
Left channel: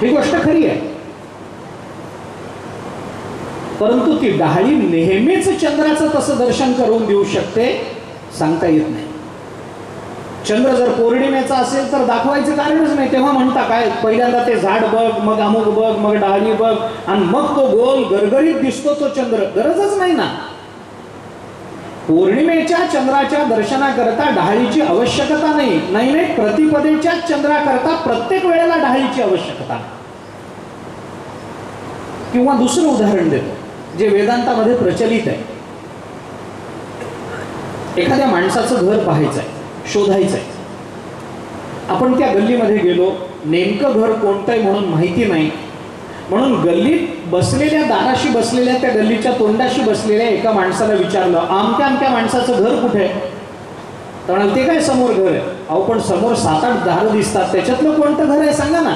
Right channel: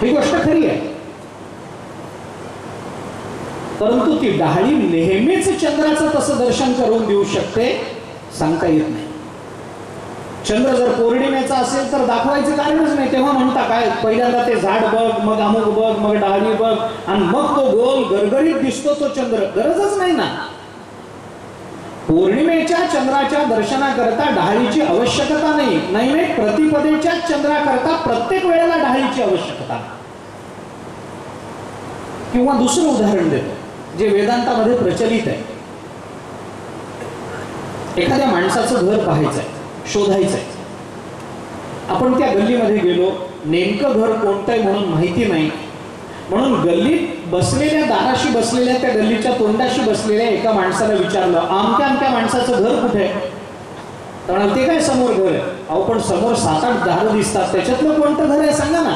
ही गोष्ट खरी आहे. परंतु ती डहाळी नेहमीच चंद्राचं तसं दर्शन करून देऊ शकते, सांगता येत नाही. चंद्र जर पौर्णिमेचा असेल तर दाखवायचं कारणच नाही. तेव्हा म्हणता काय, पहिल्यांदा ते झाड बघ, मग अमुक बघ, मग डहाळी बघ, आणि मग तो गोल गरगरीत दिसतो तो चंद्र. गरजच नाही ना. पौर्णिमेच्या चंद्राच्या दर्शनाकरता डहाळीची आवश्यकता नाही. नाही, प्रतिपदेच्या चंद्राकरता प्रत्येक वेळेला डहाळीची आवश्यकता नाही. किंवा दुसरं उदाहरण देतो जे वेदांतामध्ये प्रचलित आहे. एखाद्या माणसाचं घर पाहायचं आहे, शोधायचंय. आपण त्या गल्लीमध्ये गेलो, नेमकं घर कोणतं आहे म्हणून माहिती नाही, म्हणून गल्लीत बसलेल्या, दाराशी बसलेल्या, त्या गल्लीच्या तोंडाशी बसलेल्या एका माणसाला विचारलं, आमक्या आमक्या माणसाचं घर कुठे आहे? तर ते काय समोर घर आहे. अहो पण समोर 7-8 दारं दिसतात, त्याच्यातलं कोणतं घर आहे सांगा ना.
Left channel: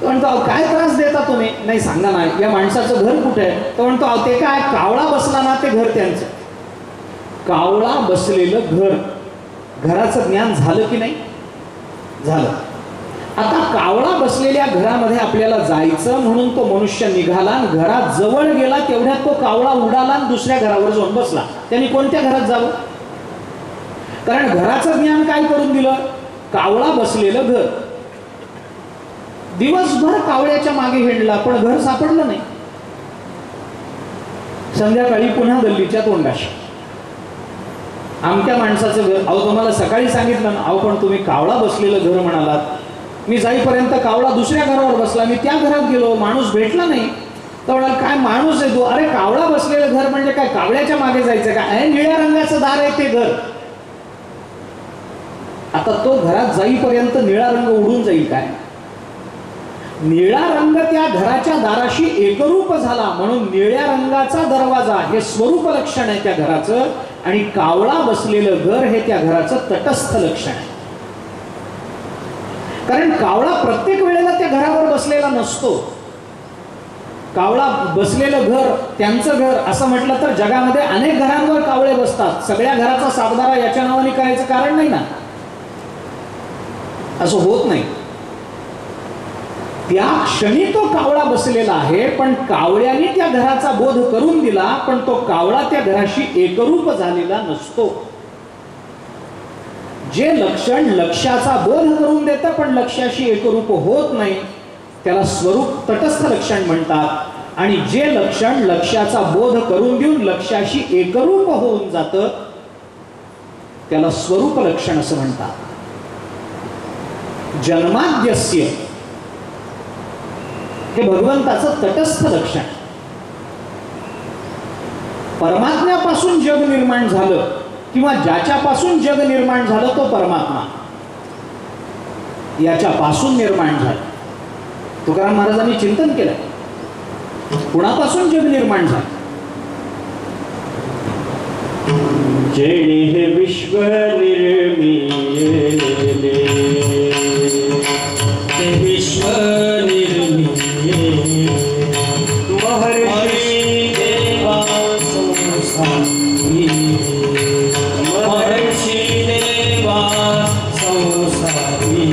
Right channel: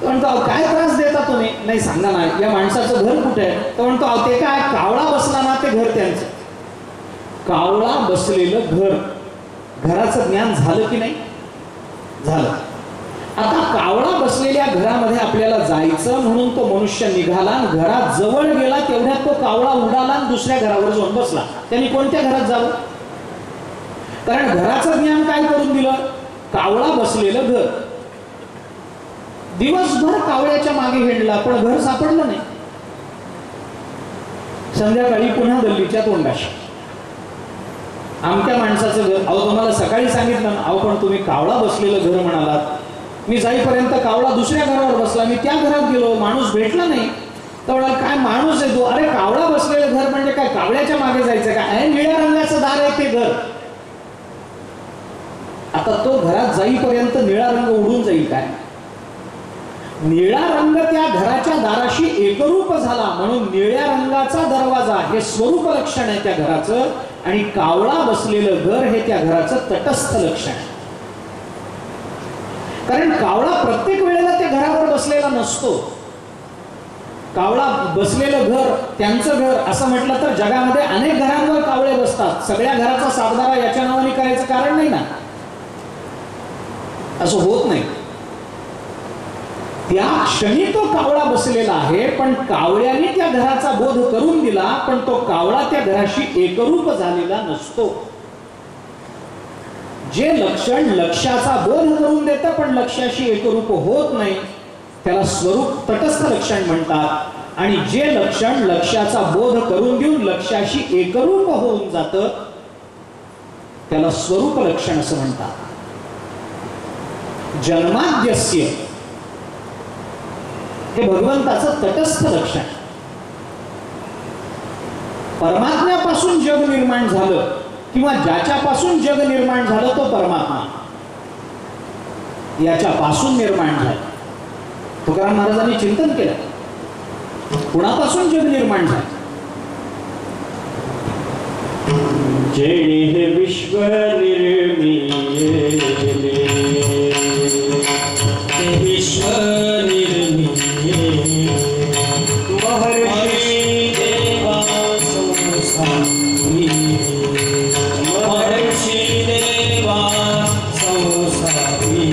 तो म्हणतो अहो काय त्रास देता तुम्ही, नाही सांगा ना या माणसाचं घर कुठे आहे. तो म्हणतो अहो ते काय कावळा बसला ना ते घर त्यांचं. कावळा बसलेलं घर, घराचं ज्ञान झालं की नाही? झालं. आता कावळा बसलेल्या घरामध्ये आपल्याला जायचं म्हणून तो मनुष्य निघाला, घरात जवळ गेला, तेवढ्यात तो कावळा उडाला आणि दुसऱ्या घरावर जाऊन बसला. त्यांनी कोणत्या घरात जावं? कारण घराचं ज्ञान काय करून दिलं? कावळा बसलेलं घर. दिवसभर कावळ्याच्या मागे हिंडला पण घर सापडलं नाही. संध्याकाळी पुन्हा गल्लीच्या तोंडाशी, आमच्या माणसाचं घर. अहो तुम्हाला सकाळी सांगितलं ना. अहो पण तुम्ही कावळा बसलेलं घर म्हणालात. मी जाईपर्यंत कावळा दुसऱ्या घरावर बसला, मी त्या घरात गेलो, माणूस भेटला नाही. तर म्हणाल काय माणूस आहे तो? अरे कावळा बसलेलं घर म्हणजे काय कावळ्याच्या मागे जायचं का? निळ्या रंगाचं दार आहे ते घर. आता तो घरात जाईपर्यंत निळा रंग उडून जाईल काय? निळा रंग त्या घराच्या दाराशी एकरूप झाला म्हणून निळ्या रंगाचा दरवाजा हे स्वरूप लक्षण आहे त्या घराचं, आणि कावळा बसलेलं घर हे त्या घराचं तटस्थ लक्षण आहे. कारण कावळा प्रत्येक वेळेला त्या घरावर बसलेला नसतो. कावळा बसलेलं घर त्यांचं घर असं म्हटलं तर जगामध्ये अनेक घरांवर कावळे बसतात. सगळ्या घराचा सातबारा याच्या नावाने करायचं कारण नाही ना, असं होत नाही. त्या क्षणी तो कावळा बसलेला आहे, पण कावळ्याने त्या घराचा बोध करून दिला, पण तो कावळा त्या घराशी एकरूप झालेला नसतो. जे लक्षण लक्ष्याचा बोध करून देतं पण लक्ष्याशी एकरूप होत नाही त्याला स्वरूप तटस्थ लक्षण म्हणतात. आणि जे लक्षण लक्ष्याचा बोध करून देऊन लक्ष्याशी एकरूप होऊन जातं त्याला स्वरूप लक्षण असं म्हणतात. जन्माद्यस्य हे भगवंताचं तटस्थ लक्षण. परमात्म्यापासून जग निर्माण झालं किंवा ज्याच्यापासून जग निर्माण झालं तो परमात्मा याच्यापासून निर्माण झालं. तुकाराम महाराजांनी चिंतन केलं कुणापासून जग निर्माण झालं. जेणे विश्व निर्मिले विश्व निर्मिले महर्षी देवा संसारी महर्षी देवा संसारी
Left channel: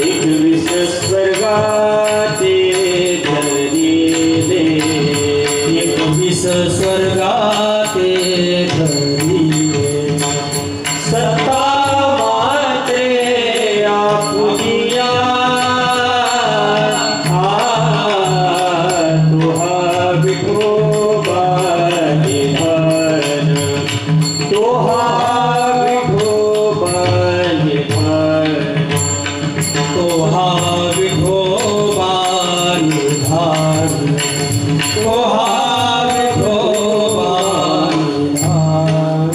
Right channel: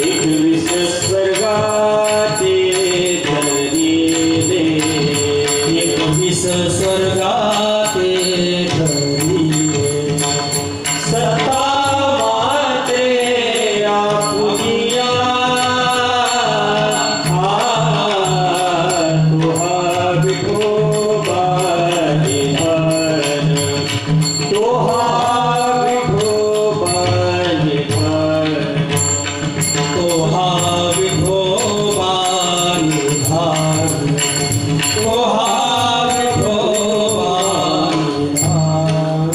एक विश्व स्वर्गाते धरिले एक विश्व स्वर्गाते धरिले सत्ता माते आपुनिया तुहा विठोबा निधान तुहा विठोबा निधान तुहा विठोबा निधान तुहा विठोबा निधान.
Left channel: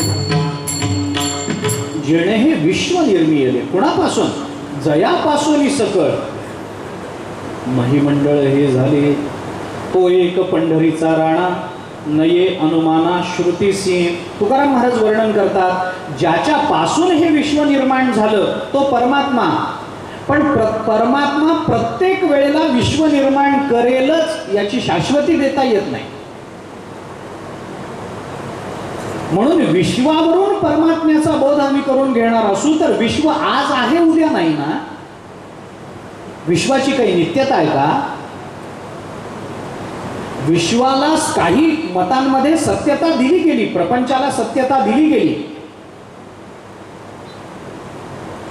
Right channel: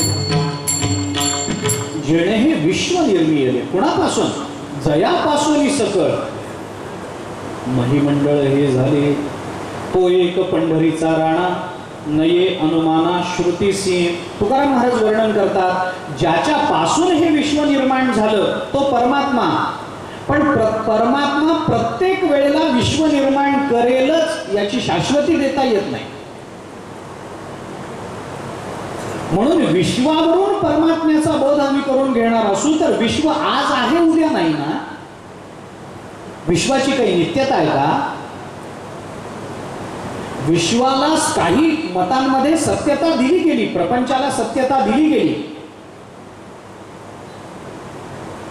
जेणे हे विश्व निर्मिले कुणापासून जयापासून सकळ महिमंडळ हे झाले. तो एक पंढरीचा राणा नये अनुमाना श्रुतीसी. तुकाराम महाराज वर्णन करतात ज्याच्यापासून हे विश्व निर्माण झालं तो परमात्मा. पण परमात्मा प्रत्येक वेळेला विश्व निर्माण करेलच याची शाश्वती देता येत नाही. म्हणून विश्वावरून परमात्म्याचा बोध आम्ही करून घेणार असू तर विश्व आज आहे उद्या नाही ना. विश्वाची काही नित्यता आहे का. विश्वाला काही मतांमध्ये सत्यता दिली गेली, प्रपंचाला सत्यता दिली गेली.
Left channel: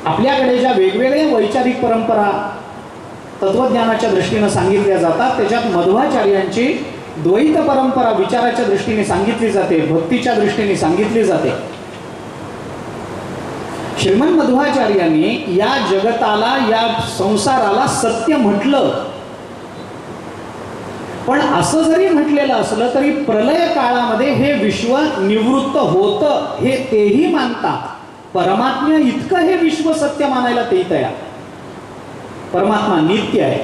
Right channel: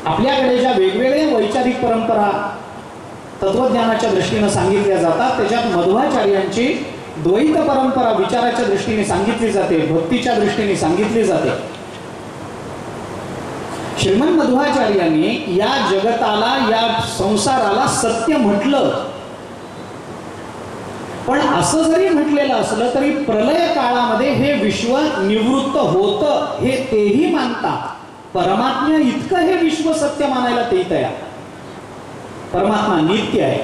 आपल्याकडे ज्या वेगवेगळ्या वैचारिक परंपरा तत्वज्ञानाच्या दृष्टीने सांगितल्या जातात त्याच्यात मध्वाचार्यांची द्वैत परंपरा विचाराच्या दृष्टीने सांगितली जाते, भक्तीच्या दृष्टीने सांगितली जाते. श्रीमंत मध्वाचार्यांनी या जगताला या संसाराला सत्य म्हटलं, पण असं जरी म्हटलेलं असलं तरी प्रलय काळामध्ये हे विश्व निवृत्त होतं हे तेही मानतात. परमात्मा इतकं हे विश्व सत्य मानायला तेही तयार. परमात्मा नित्य आहे,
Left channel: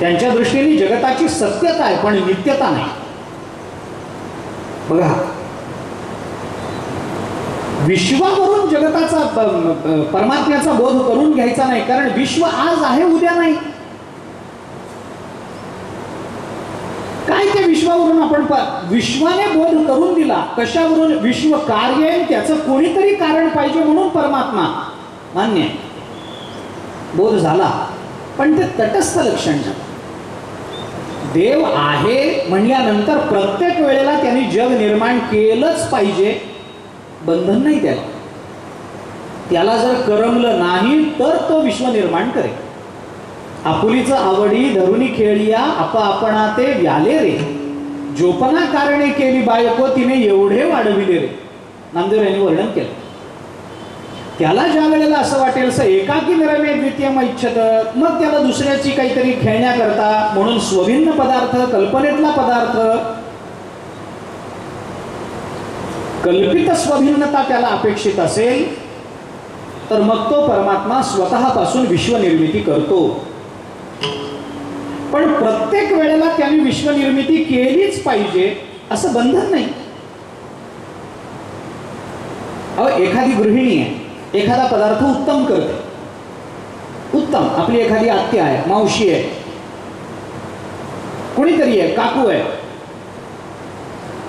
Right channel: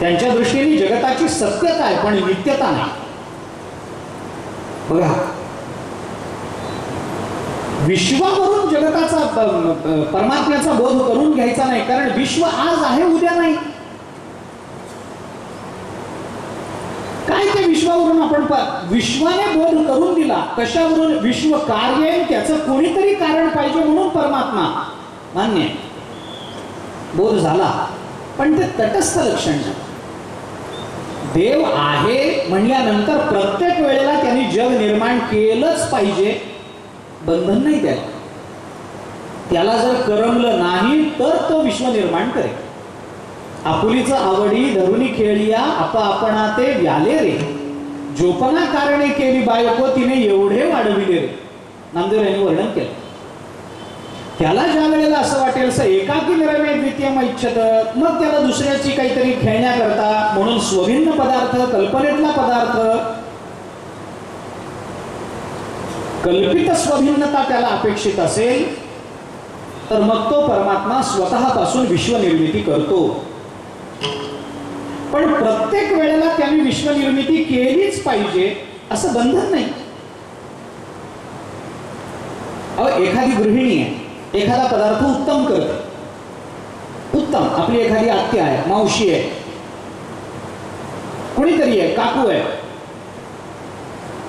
त्यांच्या दृष्टीने जगताची सत्यता आहे पण नित्यता नाही. बघा विश्वावरून जगताचा परमात्म्याचा बोध करून घ्यायचा नाही, कारण विश्व आज आहे उद्या नाही. काय त्या विश्वावरून आपण विश्वाने बोध करून दिला. कशावरून. विश्व कार्य आहे त्याचं कोणीतरी कारण पाहिजे म्हणून परमात्मा मान्य आहे. बोध झाला पण ते तटस्थ लक्षण झालं. देव आहे म्हणल्यानंतर प्रत्येक वेळेला त्यांनी जग निर्माण केलंच पाहिजे, बंधन नाही त्याला. त्याला जर करमलं नाही तर तो विश्व निर्माण करेल. आपुलीचं आवडी धरुनी खेळिया आपणा ते व्याले रे जोपना कारणे केली बायको तिने एवढे वाढविले रे. नामदेव यांनी वर्णन केलं. त्याला ज्या वेळेला असं वाटेल स एकाकी निरमे द्वितीयम इच्छत मग त्याला दुसऱ्याची काहीतरी खेळण्याकरता म्हणून स्वभिन्न पदार्थ कल्पनेतला पदार्थ कल्पित स्वभिन्नता त्याला अपेक्षित असेल तर मग तो परमात्मा स्वतःपासून विश्व निर्मिती करतो. पण प्रत्येक वेळेला त्यांनी विश्व निर्मिती केलीच पाहिजे असं बंधन नाही. एखादी गृहिणी आहे, एखादा पदार्थ उत्तम करते, उत्तम. आपली एखादी आत्या आहे, मावशी आहे, कोणीतरी आहे, काकू आहे,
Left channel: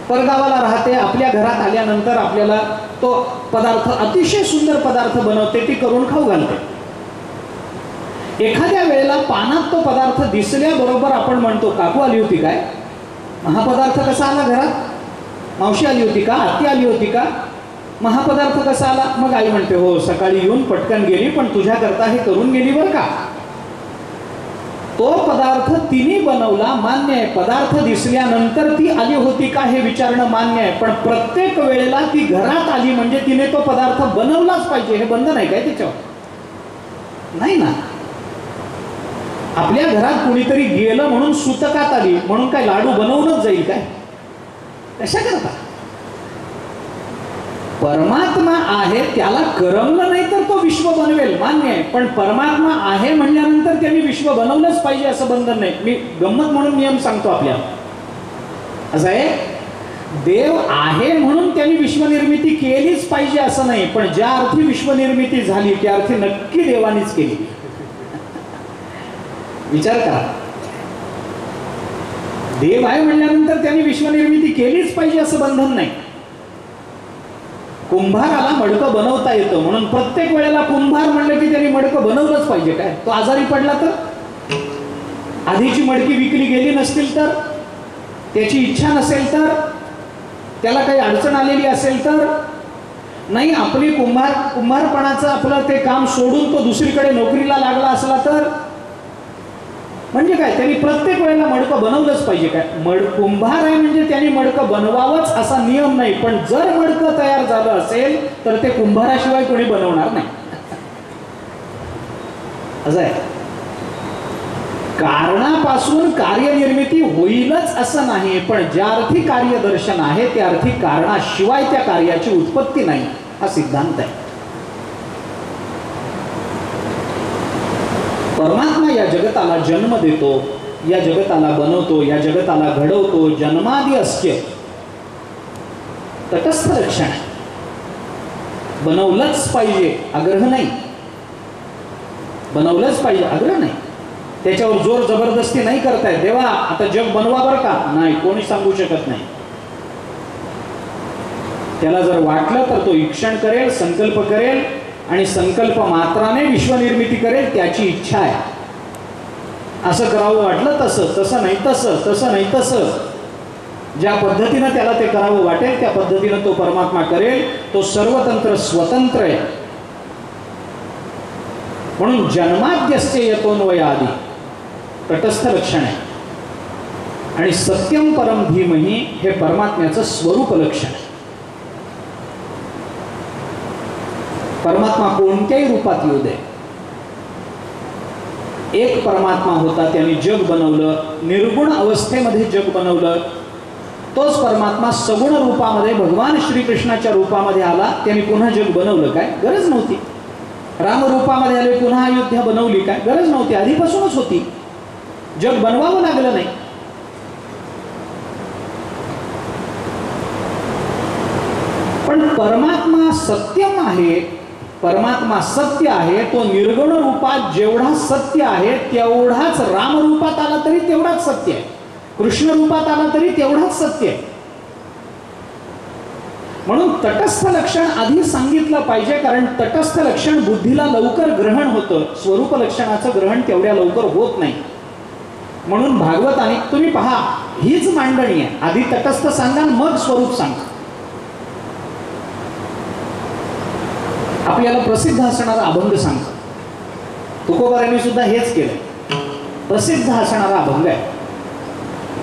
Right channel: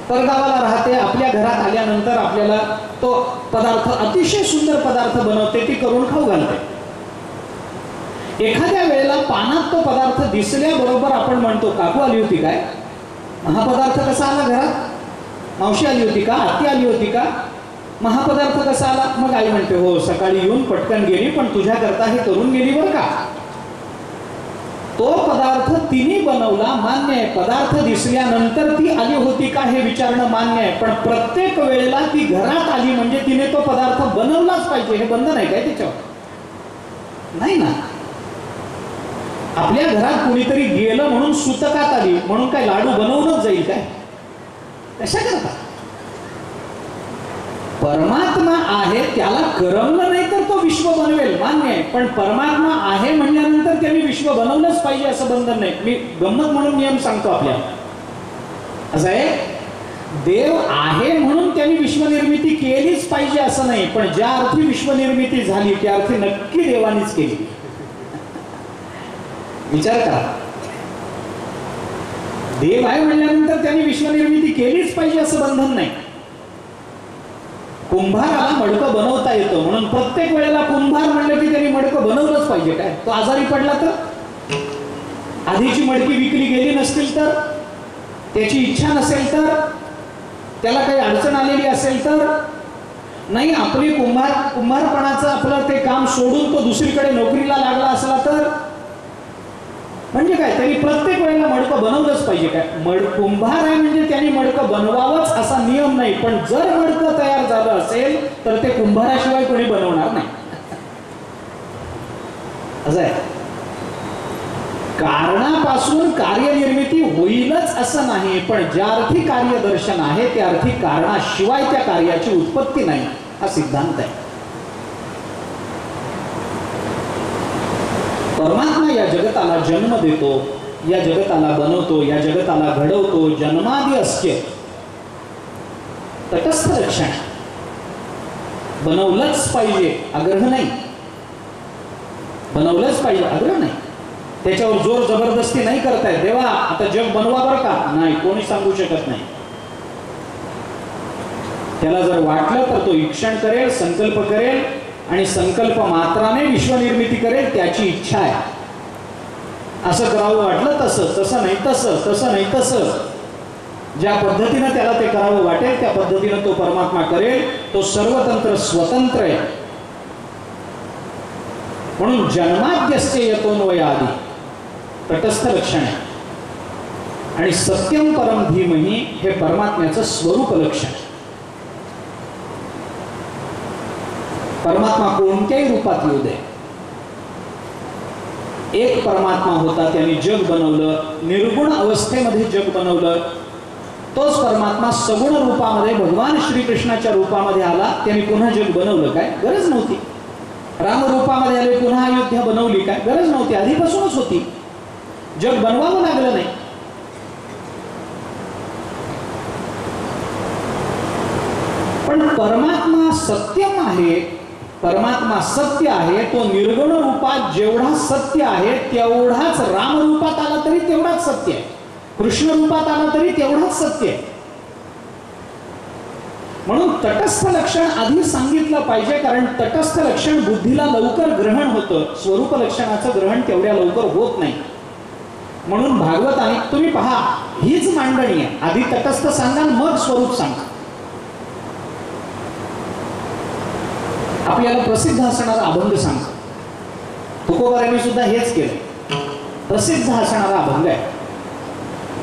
परगावाला राहते, आपल्या घरात आल्यानंतर आपल्याला तो पदार्थ, अतिशय सुंदर पदार्थ बनवते, ती करून खाऊ घालते. एखाद्या वेळेला पानात तो पदार्थ दिसल्याबरोबर आपण म्हणतो, काकू आली होती काय, हा पदार्थ कसा आला घरात, मावशी आली होती का, आत्ती आली होती का, हा पदार्थ कसा आला. मग आई म्हणते, हो सकाळी येऊन पटकन गेली, पण तुझ्याकरता हे करून गेली बरं का. तो पदार्थ तिने बनवला, मान्य आहे. पदार्थ दिसल्यानंतर ती आली होती का हे विचारणं मान्य आहे, पण प्रत्येक वेळेला ती घरात आली म्हणजे तिने तो पदार्थ बनवलाच पाहिजे, हे बंधन आहे काय त्याच्यावर, नाही ना. आपल्या घरात कुणीतरी गेलं म्हणून सुतकात आली म्हणून काय लाडू बनवूनच जाईल काय, कशा करता. परमात्मा आहे, त्याला करमलं नाही तर तो विश्व बनवेल, मान्य आहे. पण परमात्मा आहे म्हणल्यानंतर त्यांनी विश्व बनवलंच पाहिजे असं बंधन नाही. मी गंमत म्हणून नियम सांगतो आपल्याला. असं आहे, देव आहे म्हणून त्यांनी विश्वनिर्मिती केलीच पाहिजे असं नाही, पण ज्या अर्थी विश्वनिर्मिती झाली त्या अर्थी नक्की देवानीच केली. विचार करा, देव आहे म्हणल्यानंतर त्यांनी विश्वनिर्मिती केलीच पाहिजे असं बंधन नाही. कुंभाराला मडकं बनवता येतं म्हणून प्रत्येक वेळेला कुंभार म्हणलं की त्यांनी मडकं बनवलंच पाहिजे काय. तो आजारी पडला तर, आधीची मडकी विकली गेली नसतील तर, त्याची इच्छा नसेल तर, त्याला काही अडचण आलेली असेल तर, नाही आपली कुंभारपणाचं आपलं ते काम सोडून तो दुसरीकडे नोकरीला लागला असला तर, म्हणजे काय त्यांनी प्रत्येक वेळेला मडकं बनवलंच पाहिजे काय. कुंभार आहे म्हणजे त्यांनी मडकं बनवावंच असा नियम नाही, पण जर मडकं तयार झालं असेल तर ते कुंभाराशिवाय कोणी बनवणार नाही. असं आहे, कारणापासून कार्यनिर्मिती होईलच असं नाही, पण ज्या अर्थी कार्यदर्शन आहे त्या अर्थी कारणाशिवाय त्या कार्याची उत्पत्ती नाही, हा सिद्धांत आहे. परमात्मा या जगताला जन्म देतो, या जगताला बनवतो, या जगताला घडवतो. जन्मादी अस्त्य तटस्थ लक्षण, बनवलंच पाहिजे आग्रह नाही, बनवलंच पाहिजे आग्रह नाही. त्याच्यावर जोर जबरदस्ती नाही करतायत, देवा आता जग बनवा बरं का, नाही कोणी सांगू शकत नाही. त्याला जर वाटलं तर तो ईक्षण करेल, संकल्प करेल आणि संकल्प मात्राने विश्वनिर्मिती करेल, त्याची इच्छा आहे. असं करावं वाटलं तसं, तसं नाही तसं, तसं नाही तसं, ज्या पद्धतीनं त्याला ते करावं वाटेल त्या पद्धतीनं तो परमात्मा करेल. तो सर्वतंत्र स्वतंत्र आहे. म्हणून जन्माद्यस्य यतोन्वय आदी तटस्थ लक्षण आहे, आणि सत्यम परम धीमहि हे परमात्म्याचं स्वरूप लक्षण आहे. परमात्मा कोणत्याही रूपात येऊ दे, एक परमात्मा होता, त्याने जग बनवलं, निर्गुण अवस्थेमध्ये जग बनवलं. तोच परमात्मा सगुण रूपामध्ये भगवान श्रीकृष्णाच्या रूपामध्ये आला, त्याने पुन्हा जग बनवलं काय, गरज नव्हती. राम रूपामध्ये आले, पुन्हा अयोध्या बनवली काय, गरज नव्हती, आधीपासूनच होती. जग बनवावं लागलं नाही. पण परमात्मा सत्यम आहे, परमात्मा सत्य आहे. तो निर्गुण रूपात जेवढा सत्य आहे तेवढाच राम रूपात आला तरी तेवढाच सत्य आहे, कृष्ण रूपात आला तरी तेवढाच सत्य आहे. म्हणून तटस्थ लक्षण आधी सांगितलं पाहिजे, कारण तटस्थ लक्षण बुद्धीला लवकर ग्रहण होतं, स्वरूप लक्षणाचं ग्रहण तेवढ्या लवकर होत नाही. म्हणून भागवताने तुम्ही पहा, हीच मांडणी आहे, आधी तटस्थ सांगा मग स्वरूप सांगा. आपल्याला प्रसिद्ध असणारा अभंग सांगतो, तुकोबारांनी सुद्धा हेच केलं. प्रसिद्ध असणारा अभंग आहे.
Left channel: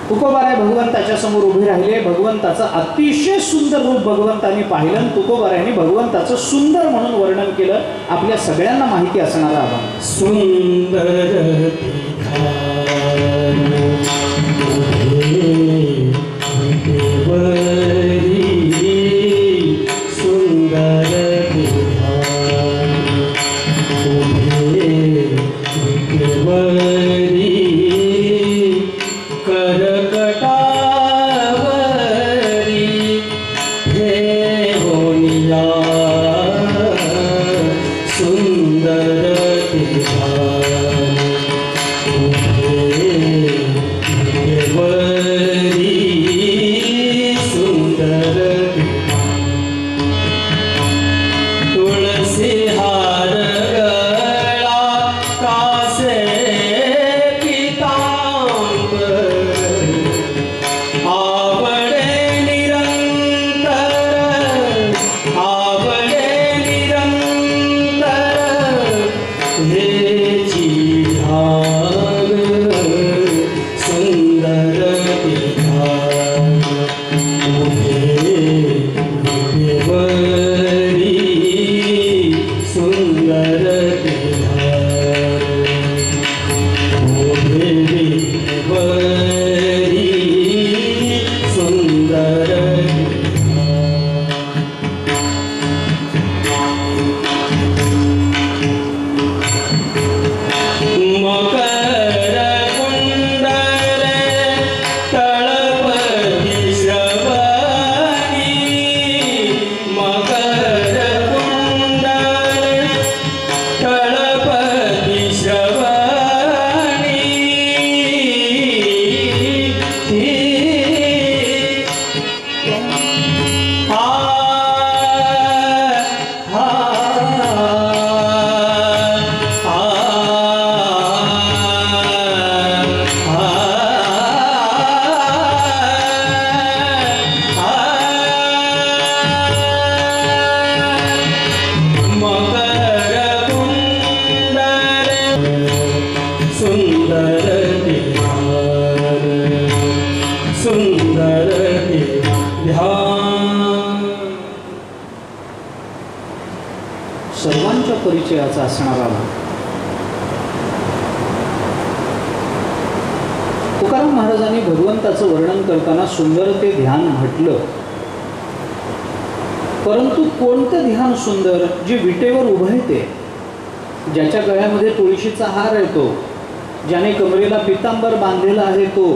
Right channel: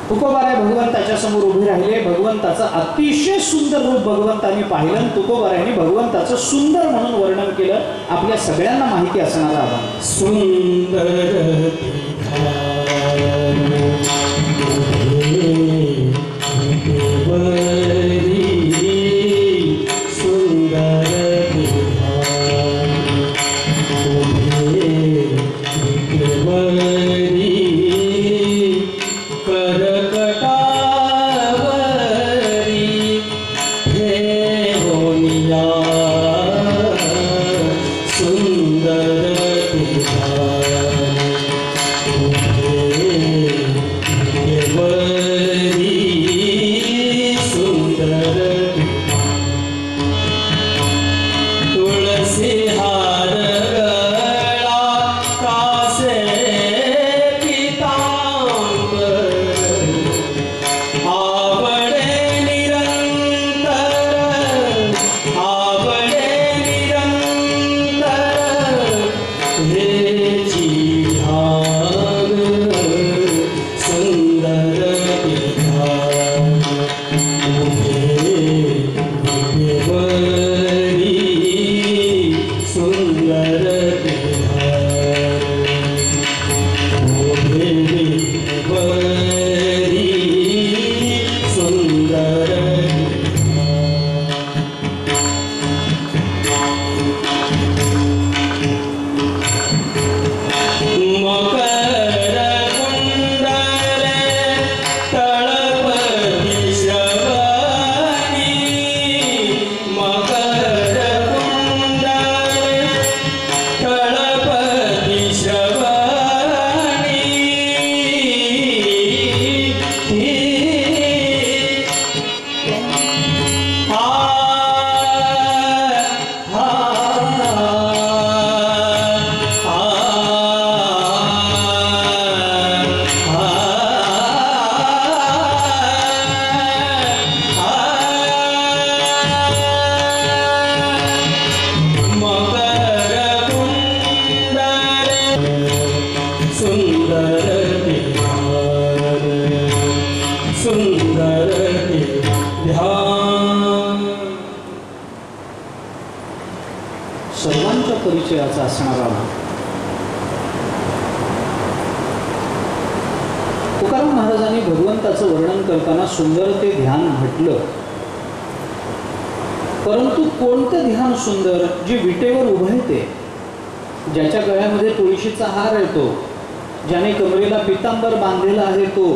तुकोबाराय भगवंताच्या समोर उभे राहिले, भगवंताचं अतिशय सुंदर रूप भगवंतांनी पाहिलं, तुकोबारायांनी भगवंताचं सुंदर म्हणून वर्णन केलं. आपल्या सगळ्यांना माहिती असणारा अभंग. सुंदर असणारा भाव. तुकाराम महाराजांनी भगवंताचं वर्णन करताना सुंदर ते ध्यान म्हटलं, परंतु कोणतं ध्यान सुंदर? जे विटेवर उभयते, ज्याच्या गळ्यामध्ये तुळशीचा हार येतो, ज्याने कमरेला पितांबर बांधलेला आहे तो,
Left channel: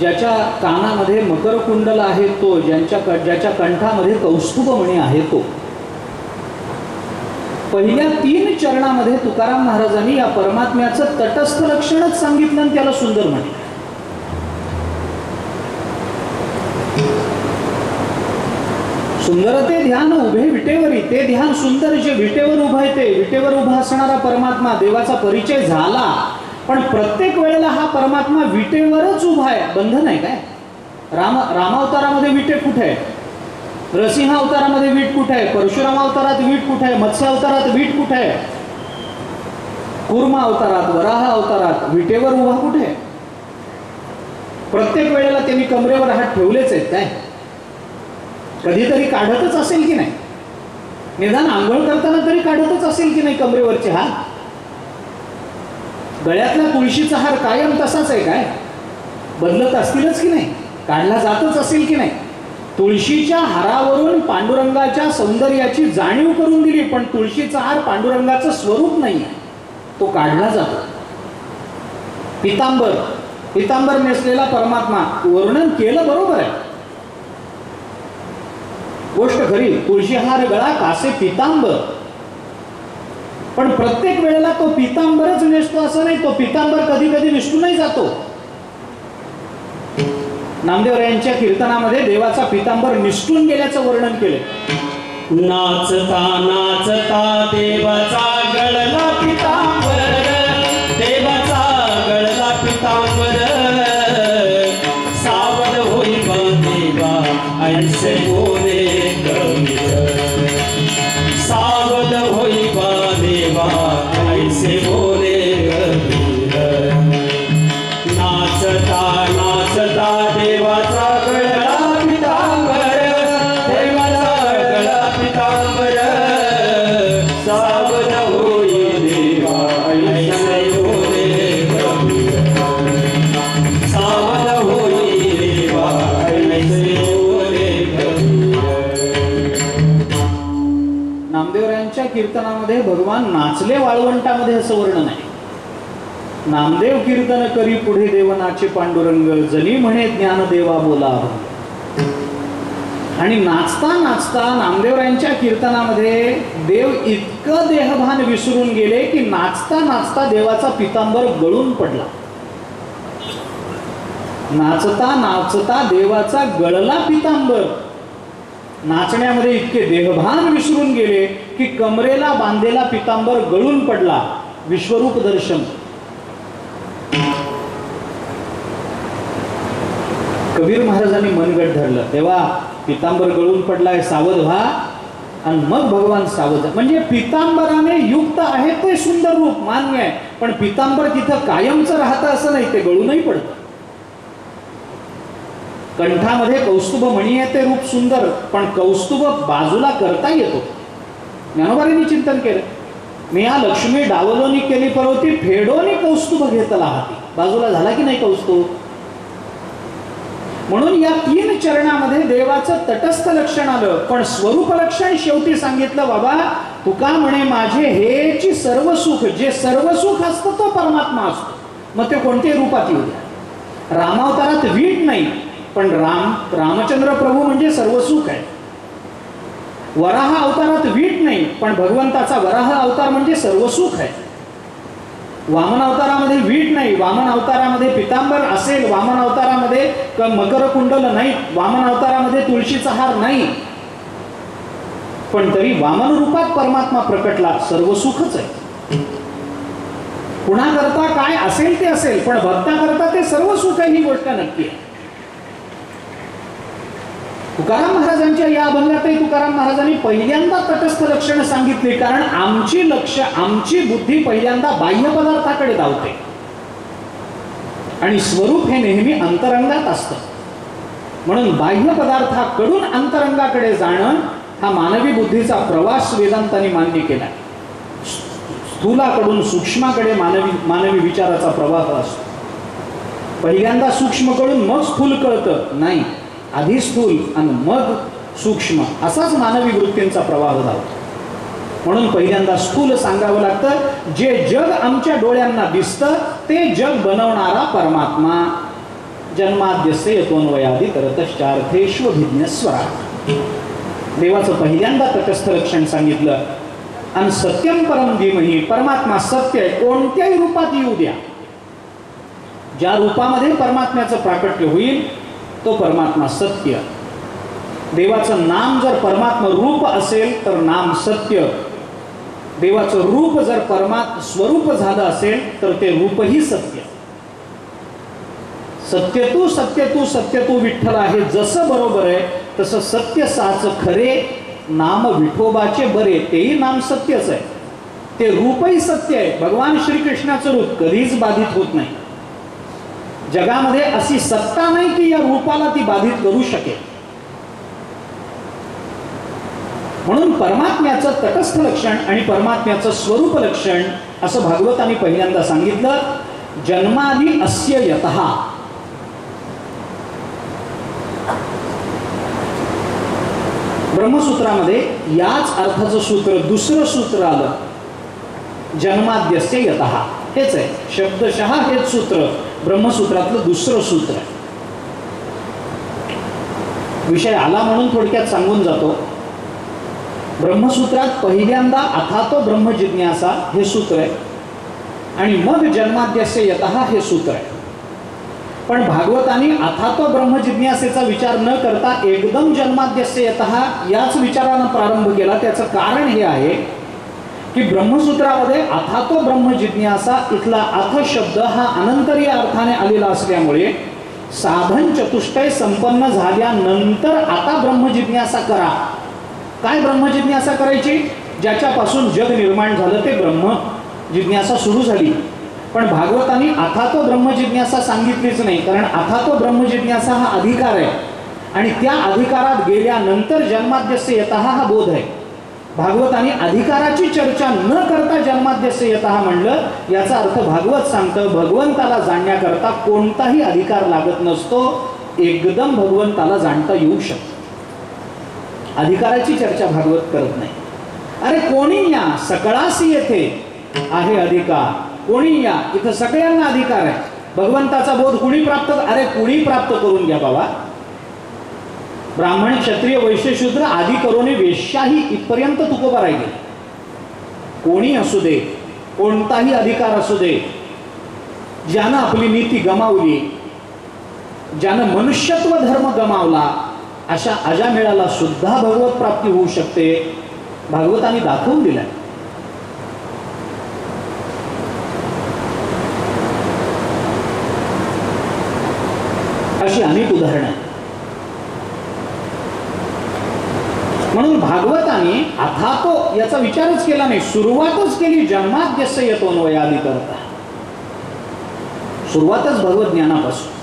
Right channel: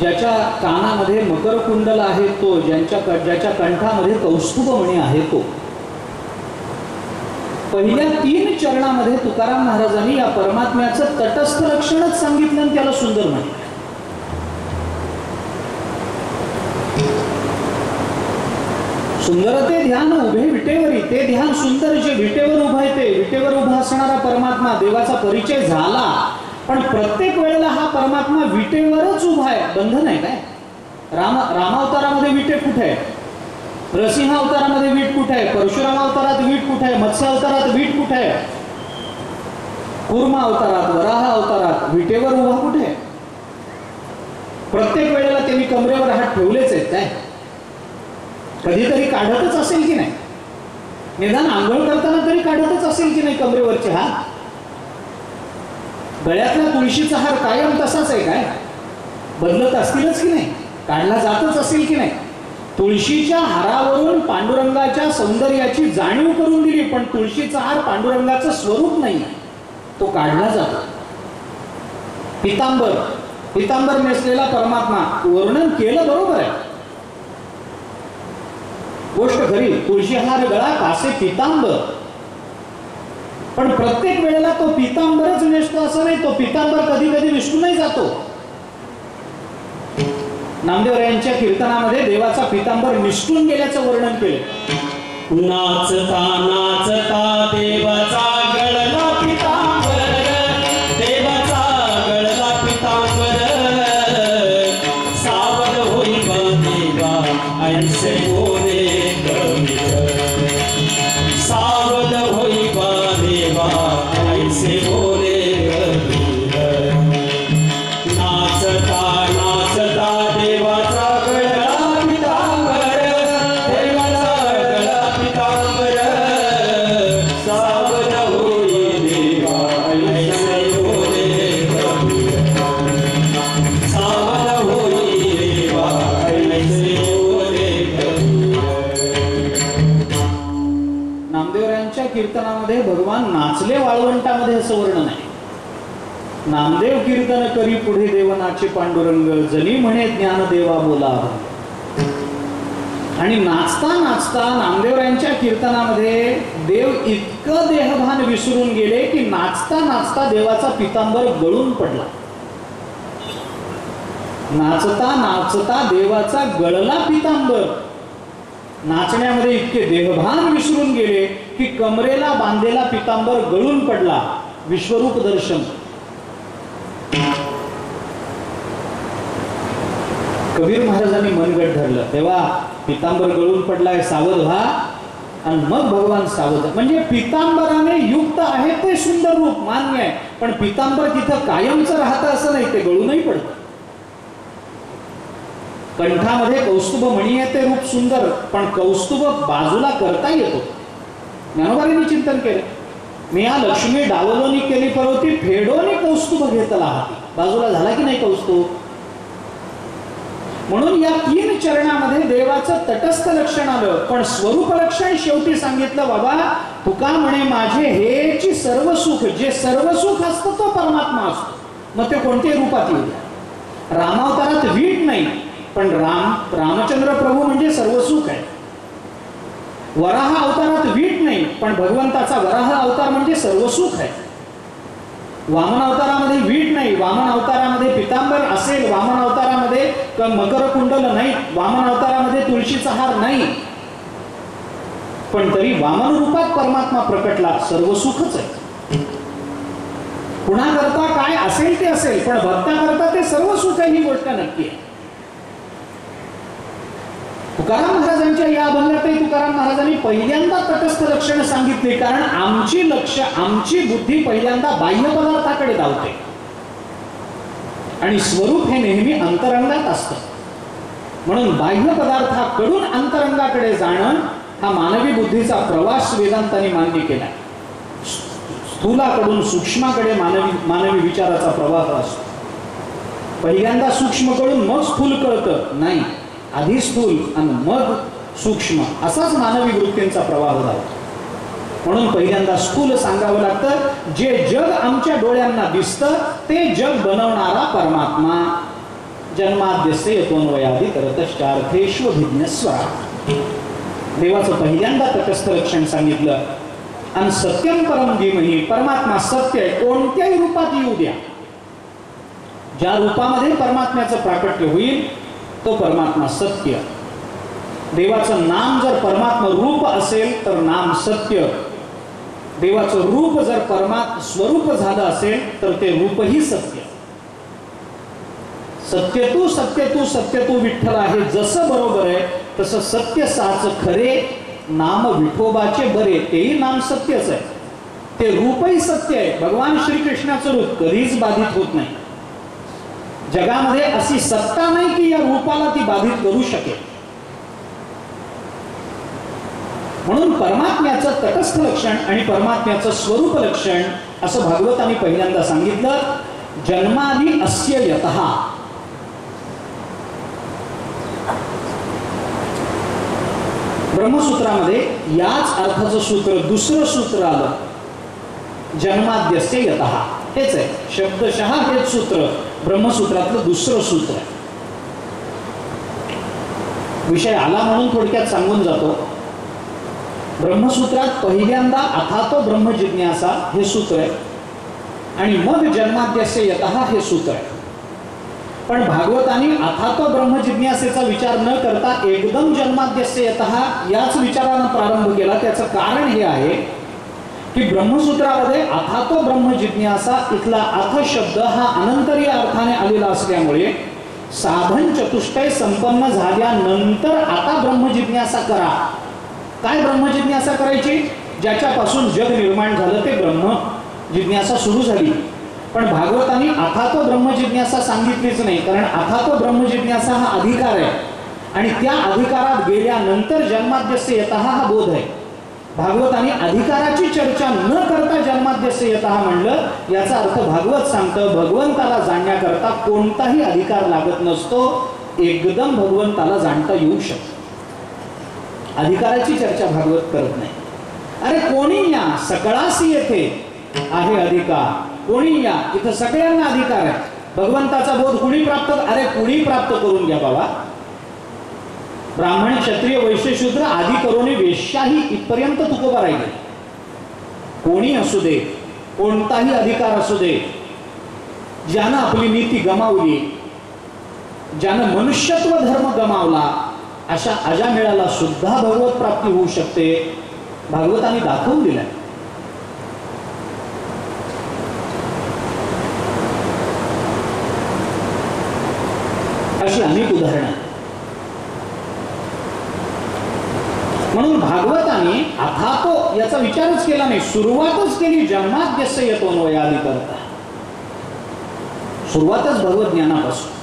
ज्याच्या कानामध्ये मकरकुंडल आहे तो, ज्याच्या कंठामध्ये कौस्तुभमणी आहे तो. पहिल्या 3 चरणामध्ये तुकाराम महाराजांनी या परमात्म्याचं तटस्थ लक्षणच सांगितलं आणि त्याला सुंदर म्हटलं. सुंदर ते ध्यान उभे विटेवरी, ते ध्यान सुंदर जे विटेवर उभं आहे ते, विटेवर उभा असणारा परमात्मा, देवाचा परिचय झाला. पण प्रत्येक वेळेला हा परमात्मा विटेवरच उभा आहे. बंधन आहे काय? रामावतारामध्ये विटे कुठे आहे? नरसिंह अवतारामध्ये वीट कुठे आहे? परशुराम अवतारात वीट कुठे आहे? मत्स्य अवतारात वीट कुठे आहे? कूर्मा अवतारात, वराह अवतारात विटेवर उभा कुठे आहे? प्रत्येक वेळेला त्यांनी कमरेवर हात ठेवलेच आहेत काय? कधीतरी काढतच असेल की नाही? निदान आंघोळ करताना तरी काढतच असेल की नाही कमरेवरचे हात? गळ्यातला तुळशीचा हार कायम तसाच आहे काय? बदलत असतीलच की नाही? काढला जातच असेल की नाही? तुळशीच्या हारावरून पांडुरंगाच्या सौंदर्याची जाणीव करून दिली, पण तुळशीचा हार पांडुरंगाचं स्वरूप नाही, तो काढला जातो. पितांबर नेसलेला परमात्मा वर्णन केलं बरोबर आहे, गोष्ट खरी. तुळशी हार गळा कासे पितांबर, पण प्रत्येक वेळेला तो पितांबरच नेसतो असं नाही. तो पितांबर कधी कधी विष्णूनही जातो. नामदेव यांच्या कीर्तनामध्ये देवाचा पितांबर निष्ठून गेल्याचं वर्णन केले. नाचता नाचता देवाचा गळला पितांबर, देवाचा गळला पितांबर, सावध होई देवा ऐसे बोले कबीर, सावध होई देवा ऐसे बोले कबीर. नाचता नाचता देवाचा गळा पितांबर, देवाचा गळा पितांबर, सावध होई देवा ऐसे बोले कबीर, सावध होई देवा ऐसे बोले कबीर. नामदेवरायांच्या कीर्तनामध्ये भगवान नाचले वाळवंटामध्ये असं वर्णन आहे. नामदेव कीर्तन करी पुढे देवनाचे पांडुरंग, जनी म्हणे ज्ञानदेवा बोला. आणि नाचता नाचता नामदेवरायांच्या कीर्तनामध्ये देव इतकं देहभान विसरून गेले की नाचता नाचता देवाचा पितांबर गळून पडला. नाचता नाचता देवाचा गळला पितांबर. नाचण्यामध्ये इतके देहभान विसरून गेले की कमरेला बांधलेला पितांबर गळून पडला. विश्वरूप दर्शन. कबीर महाराजांनी मनगट धरलं, तेव्हा पितांबर गळून पडलाय, सावध व्हा. आणि मग भगवान सावध. म्हणजे पितांबराने युक्त आहे ते सुंदर रूप मान्य आहे, पण पितांबर तिथं कायमचं राहतं असं नाही, ते गळूनही पडतं. कंठामध्ये कौस्तुभ मणी आहे ते रूप सुंदर, पण कौस्तुभ बाजूला करता येतो. ज्ञानोबांनी चिंतन केलं, मी या लक्ष्मी डावलोनी केली परवती, फेडोनी कौस्तुभ घेतला हाती. बाजूला झाला की नाही कौस्तुभ? म्हणून या 3 चरणामध्ये देवाचं तटस्थ लक्षण आलं, पण स्वरूप लक्षण शेवटी सांगितलं. बाबा तुका म्हणे माझे हेची सर्व सुख, जे सर्व सुख असतं तो परमात्मा असतो. मग ते कोणत्याही रूपात येऊ द्या. रामावतारात वीट नाही, पण रामचंद्र प्रभू म्हणजे सर्व सुख आहे. वराह अवतारात वीट नाही, पण भगवंताचा वराह अवतार म्हणजे सर्व सुख आहे. वामन अवतारामध्ये वीट नाही, वामन अवतारामध्ये पितांबर असेल, वामन अवतारामध्ये मकर कुंडल नाही, वामन अवतारामध्ये तुळशीचा हार नाही, पण तरी वामन रूपात परमात्मा प्रकटला. सर्व सुखच आहे. कुणा करता काय असेल ते असेल, पण भक्ता करता ते सर्व सुख आहे, ही गोष्ट नक्की आहे. तुकाराम महाराजांच्या या अभंगातही तुकाराम महाराजांनी पहिल्यांदा तटस्थ लक्षण सांगितली, कारण आमची बुद्धी पहिल्यांदा बाह्य पदार्थाकडे धावते आणि स्वरूप हे नेहमी अंतरंगात असतं. म्हणून बाह्य पदार्थाकडून अंतरंगाकडे जाणं हा मानवी बुद्धीचा प्रवास वेदांतांनी मान्य केला. स्थूलाकडून सूक्ष्माकडे मानवी विचाराचा प्रवाह असतो. पहिल्यांदा सूक्ष्म कळून मग स्थूल कळतं नाही, आधी स्थूल आणि मग सूक्ष्म असाच मानवी वृत्तींचा प्रवाह झाला. म्हणून पहिल्यांदा स्थूल सांगावं लागतं. जे जग आमच्या डोळ्यांना दिसतं ते जग बनवणारा परमात्मा. जन्माद्यस्य यतोन्वयादि तरतश्चार्थेष्वभिज्ञस्वरा. देवाचं पहिल्यांदा तटस्थ लक्षण सांगितलं. आणि सत्यम परम धीमहि, परमात्मा सत्य आहे, कोणत्याही रूपात येऊ द्या. ज्या रूपामध्ये परमात्म्याचं प्राकट्य होईल तो परमात्मा सत्य. देवाचं नाम जर परमात्मा रूप असेल तर नाम सत्य. देवाचं रूप जर स्वरूप झालं असेल तर ते रूपही सत्य. सत्यतू सत्यतू सत्यतू विठ्ठल आहे जसं बरोबर आहे तसं सत्य साच खरे, नाम विठोबाचे बरे, तेही नाम सत्यच आहे. ते रूपही सत्य आहे. भगवान श्रीकृष्णाचं रूप कधीच बाधित होत नाही. जगामध्ये अशी सत्ता नाही की या रूपाला ती बाधित करू शकेल. म्हणून परमात्म्याचं तटस्थ लक्षण आणि परमात्म्याचं स्वरूप लक्षण असं भागवतांनी पहिल्यांदा सांगितलं. जन्मादि अस्य यतः. ब्रह्मसूत्रामध्ये याच अर्थाचं सूत्र दुसरं सूत्र आलं. जन्माद्यस्य यतः हेच आहे, शब्दशः हेच सूत्र ब्रह्मसूत्रातलं दुसरं सूत्र आहे. विषय आला म्हणून थोडक्यात सांगून जातो. ब्रह्मसूत्रात पहिल्यांदा अथातो ब्रह्म जिज्ञासा हे सूत्र आहे आणि मग जन्माद्यस्य यतः हे सूत्र आहे. पण भागवतांनी अथातो ब्रह्म जिज्ञासेचा विचार न करता एकदम जन्माद्यस्य यतः याच विचारानं प्रारंभ केला. त्याचं कारण हे आहे की ब्रह्मसूत्रामध्ये अथातो ब्रह्म जिज्ञासा इथला अथ शब्द हा अनंतरीय अर्थाने आलेला असल्यामुळे साधन चतुष्टय संपन्न झाल्यानंतर आता ब्रह्म जिज्ञासा करा. काय ब्रह्म जिज्ञासा करायची? ज्याच्यापासून जग निर्माण झालं ते ब्रह्म जिज्ञासा सुरू झाली. पण भागवतांनी अथातो ब्रह्म जिज्ञासा सांगितलीच नाही, कारण अथातो ब्रह्म जिज्ञासा हा अधिकार आहे आणि त्या अधिकारात गेल्यानंतर जन्माद्यस्य यतः हा बोध आहे. भागवतांनी अधिकाराची चर्चा न करता जन्माद्यस्य यतः म्हणलं. याचा अर्थ भागवत सांगतं भगवंताला जाणण्याकरता कोणताही अधिकार लागत नसतो, एकदम भगवंताला जाणता येऊ शकतं. अधिकाराची चर्चा भागवत करत नाही. अरे कोणी या, सकळासी येथे आहे अधिकार, कोणी या, इथं सगळ्यांना अधिकार आहे. भगवंताचा बोध कुणी प्राप्त, अरे कुणी प्राप्त करून घ्या बाबा. ब्राह्मण क्षत्रिय वैश्य शूद्र आदी करून वेश्याही इथपर्यंत तुकोबा राहिले. कोणी असू दे, कोणताही अधिकार असू दे, ज्यानं आपली नीती गमावली, ज्यानं मनुष्यत्व धर्म गमावला, अशा अजामेळाला सुद्धा भगवत प्राप्ती होऊ शकते. भागवतांनी दाखवून दिलाय. अशी अनेक उदाहरणं. म्हणून भागवतांनी अथातो याचा विचारच केला नाही, सुरुवातच केली जन्माद्यस्य यतोन्वयादि करता. सुरुवातच भगवत ज्ञानापासून,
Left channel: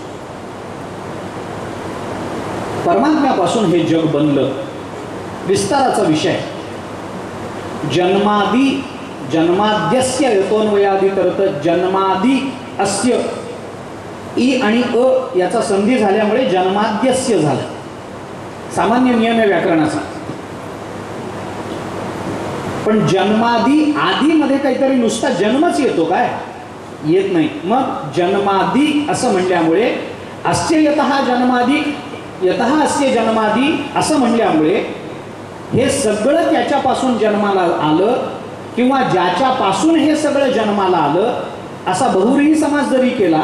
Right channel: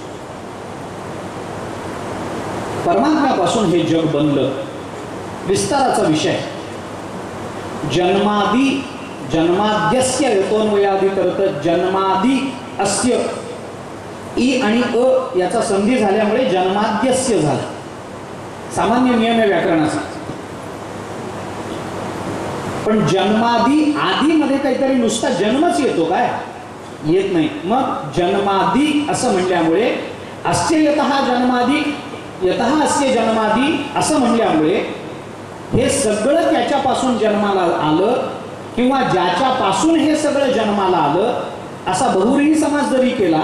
परमात्म्यापासून हे जग बनलं. विस्ताराचा विषय. जन्माद्यस्य यतोन्वयादि करत. जन्मादि अस्य ई आणि अ याचा संधी झाल्यामुळे जन्माद्यस्य झालं. सामान्य नियम आहे व्याकरणाचा. पण जन्मादी आदी मध्ये काहीतरी नुसता जन्मच येतो काय? येत नाही. मग जन्मादी असं म्हणल्यामुळे अस्य यतः जन्मादी, यतः अस्य जन्मादी असं म्हणल्यामुळे हे सगळं त्याच्यापासून जन्माला आलं किंवा ज्याच्यापासून हे सगळं जन्माला आलं असा बहुव्रीही समास जरी केला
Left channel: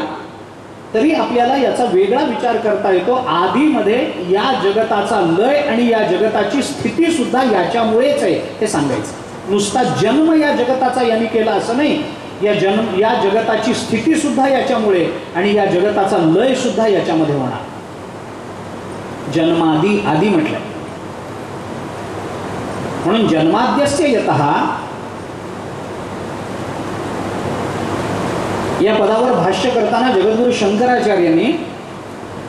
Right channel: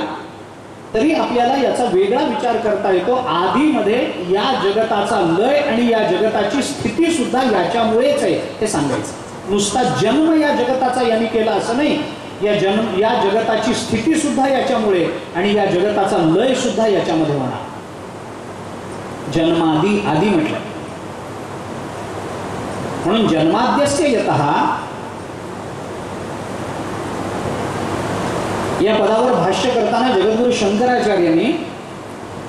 तरी आपल्याला याचा वेगळा विचार करता येतो. आधीमध्ये या जगताचा लय आणि या जगताची स्थिती सुद्धा याच्यामुळेच आहे हे सांगायचं. नुसता जन्म या जगताचा यांनी केला असं नाही. या जगताची स्थिती सुद्धा याच्यामुळे आणि या जगताचा लय सुद्धा याच्यामध्ये होणार. जन्मादी आदी म्हटलं. म्हणून जन्माद्यस्य यतः या पदावर भाष्य करताना जगद्गुरु शंकराचार्यांनी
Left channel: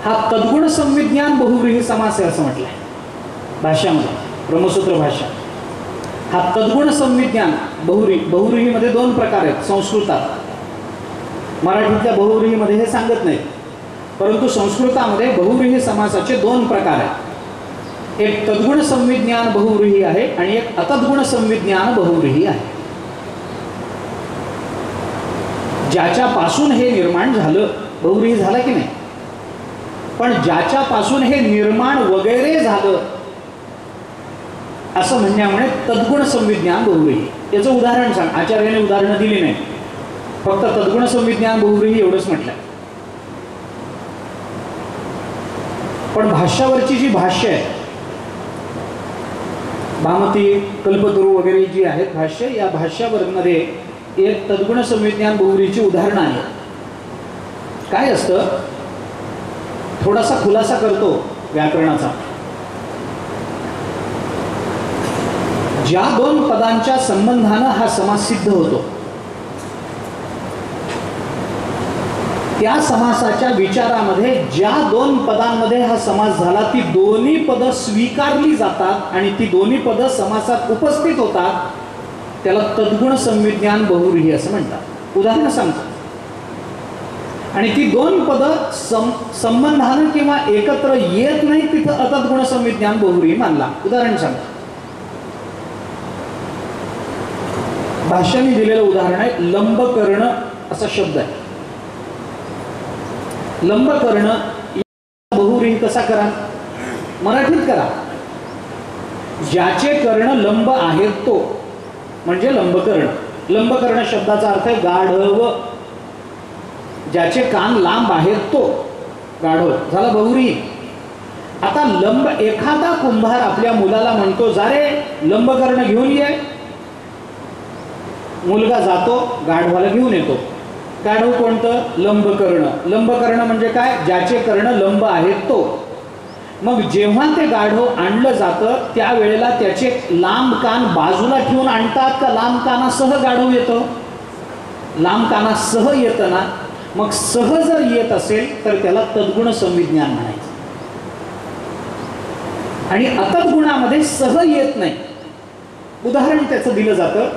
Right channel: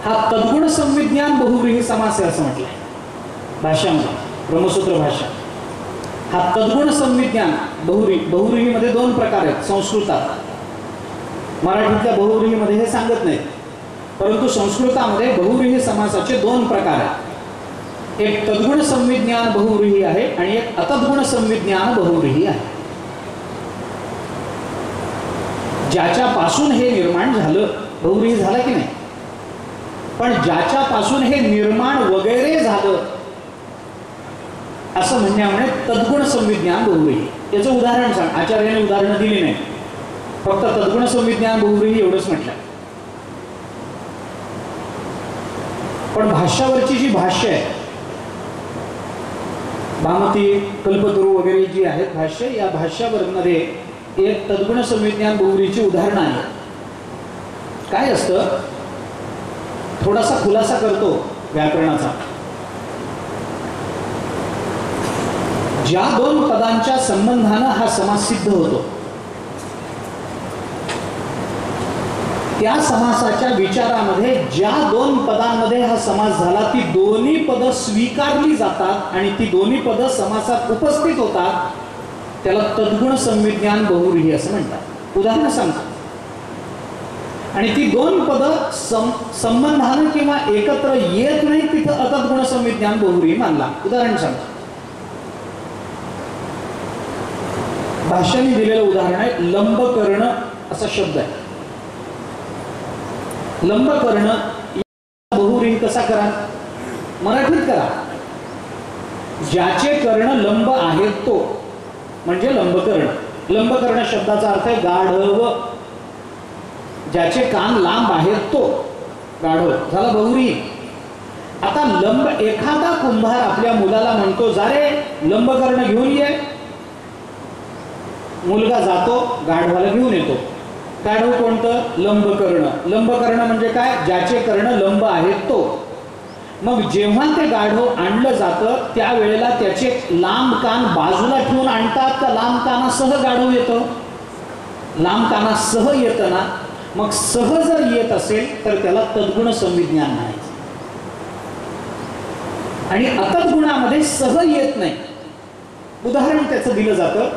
हा तद्गुण संविज्ञान बहुव्रीही समास आहे असं म्हटलंय भाष्यामध्ये, ब्रह्मसूत्र भाष्य. हा तद्गुण संविज्ञान बहुव्रीहीमध्ये दोन प्रकार आहेत संस्कृतात. मराठीतल्या बहुव्रीहीमध्ये हे सांगत नाहीत, परंतु संस्कृतामध्ये बहुव्रीही समासाचे दोन प्रकार आहेत. एक तद्गुण संविज्ञान बहुव्रीही आहे आणि एक अतद्गुण संविज्ञान बहुव्रीही आहे. ज्याच्यापासून हे निर्माण झालं बहुव्रीही झाला की नाही, पण ज्याच्यापासून हे निर्माण वगैरे झालं असं म्हणण्यामुळे तद्गुण संविज्ञान बहुव्रीही. याचं उदाहरण सांग. आचार्याने उदाहरणं दिली नाही, फक्त तद्गुण संविज्ञान बहुव्रीही एवढंच म्हटलं. पण भाष्यावरची जी भाष्य आहे, भामती कल्पतरू वगैरे जी आहेत भाष्य, या भाष्यावरमध्ये एक तद्गुण संविज्ञान बहुव्रीहीची उदाहरणं आहेत. काय असतं, थोडासा खुलासा करतो व्याकरणाचा. ज्या दोन पदांच्या संबंधानं हा समास सिद्ध होतो, त्या समासाच्या विचारामध्ये ज्या दोन पदांमध्ये हा समास झाला ती दोन्ही पदं स्वीकारली जातात आणि ती दोन्ही पदं समासात उपस्थित होतात, त्याला तद्गुण संविज्ञान बहुव्रीही असं म्हणतात. उदाहरण सांगतो. आणि ती दोन पदं संबंधानं किंवा एकत्र येत नाही, तिथं अतद्गुण संविज्ञान बहुव्रीही मानला. उदाहरण सांगतो. भाष्याने दिलेलं उदाहरण आहे लंबकर्ण असा शब्द आहे. लंबकर्ण बहुव्रीही कसा करा, मराठीत करा. ज्याचे कर्ण लंब आहेत तो म्हणजे लंबकर्ण. लंबकर्ण शब्दाचा अर्थ आहे गाढव. ज्याचे कान लांब आहेत तो गाढव झाला बहुव्रीही. आता लंब, एखादा कुंभार आपल्या मुलाला म्हणतो जा रे लंबकर्ण घेऊन ये. मुलगा जातो, गाढवाला घेऊन येतो. गाढव कोणतं, लंबकर्ण. लंबकर्ण म्हणजे काय, ज्याचे कर्ण लंब आहेत तो. मग जेव्हा ते गाढव आणलं जातं त्यावेळेला त्याचे लांब कान बाजूला ठेवून आणतात का लांब कानासह गाढव येतो? लांब कानासह येतं ना. मग सह जर येत असेल तर त्याला तद्गुण संविज्ञान म्हणायचं. आणि अतद्गुणामध्ये सह येत नाही. उदाहरण त्याचं दिलं जातं,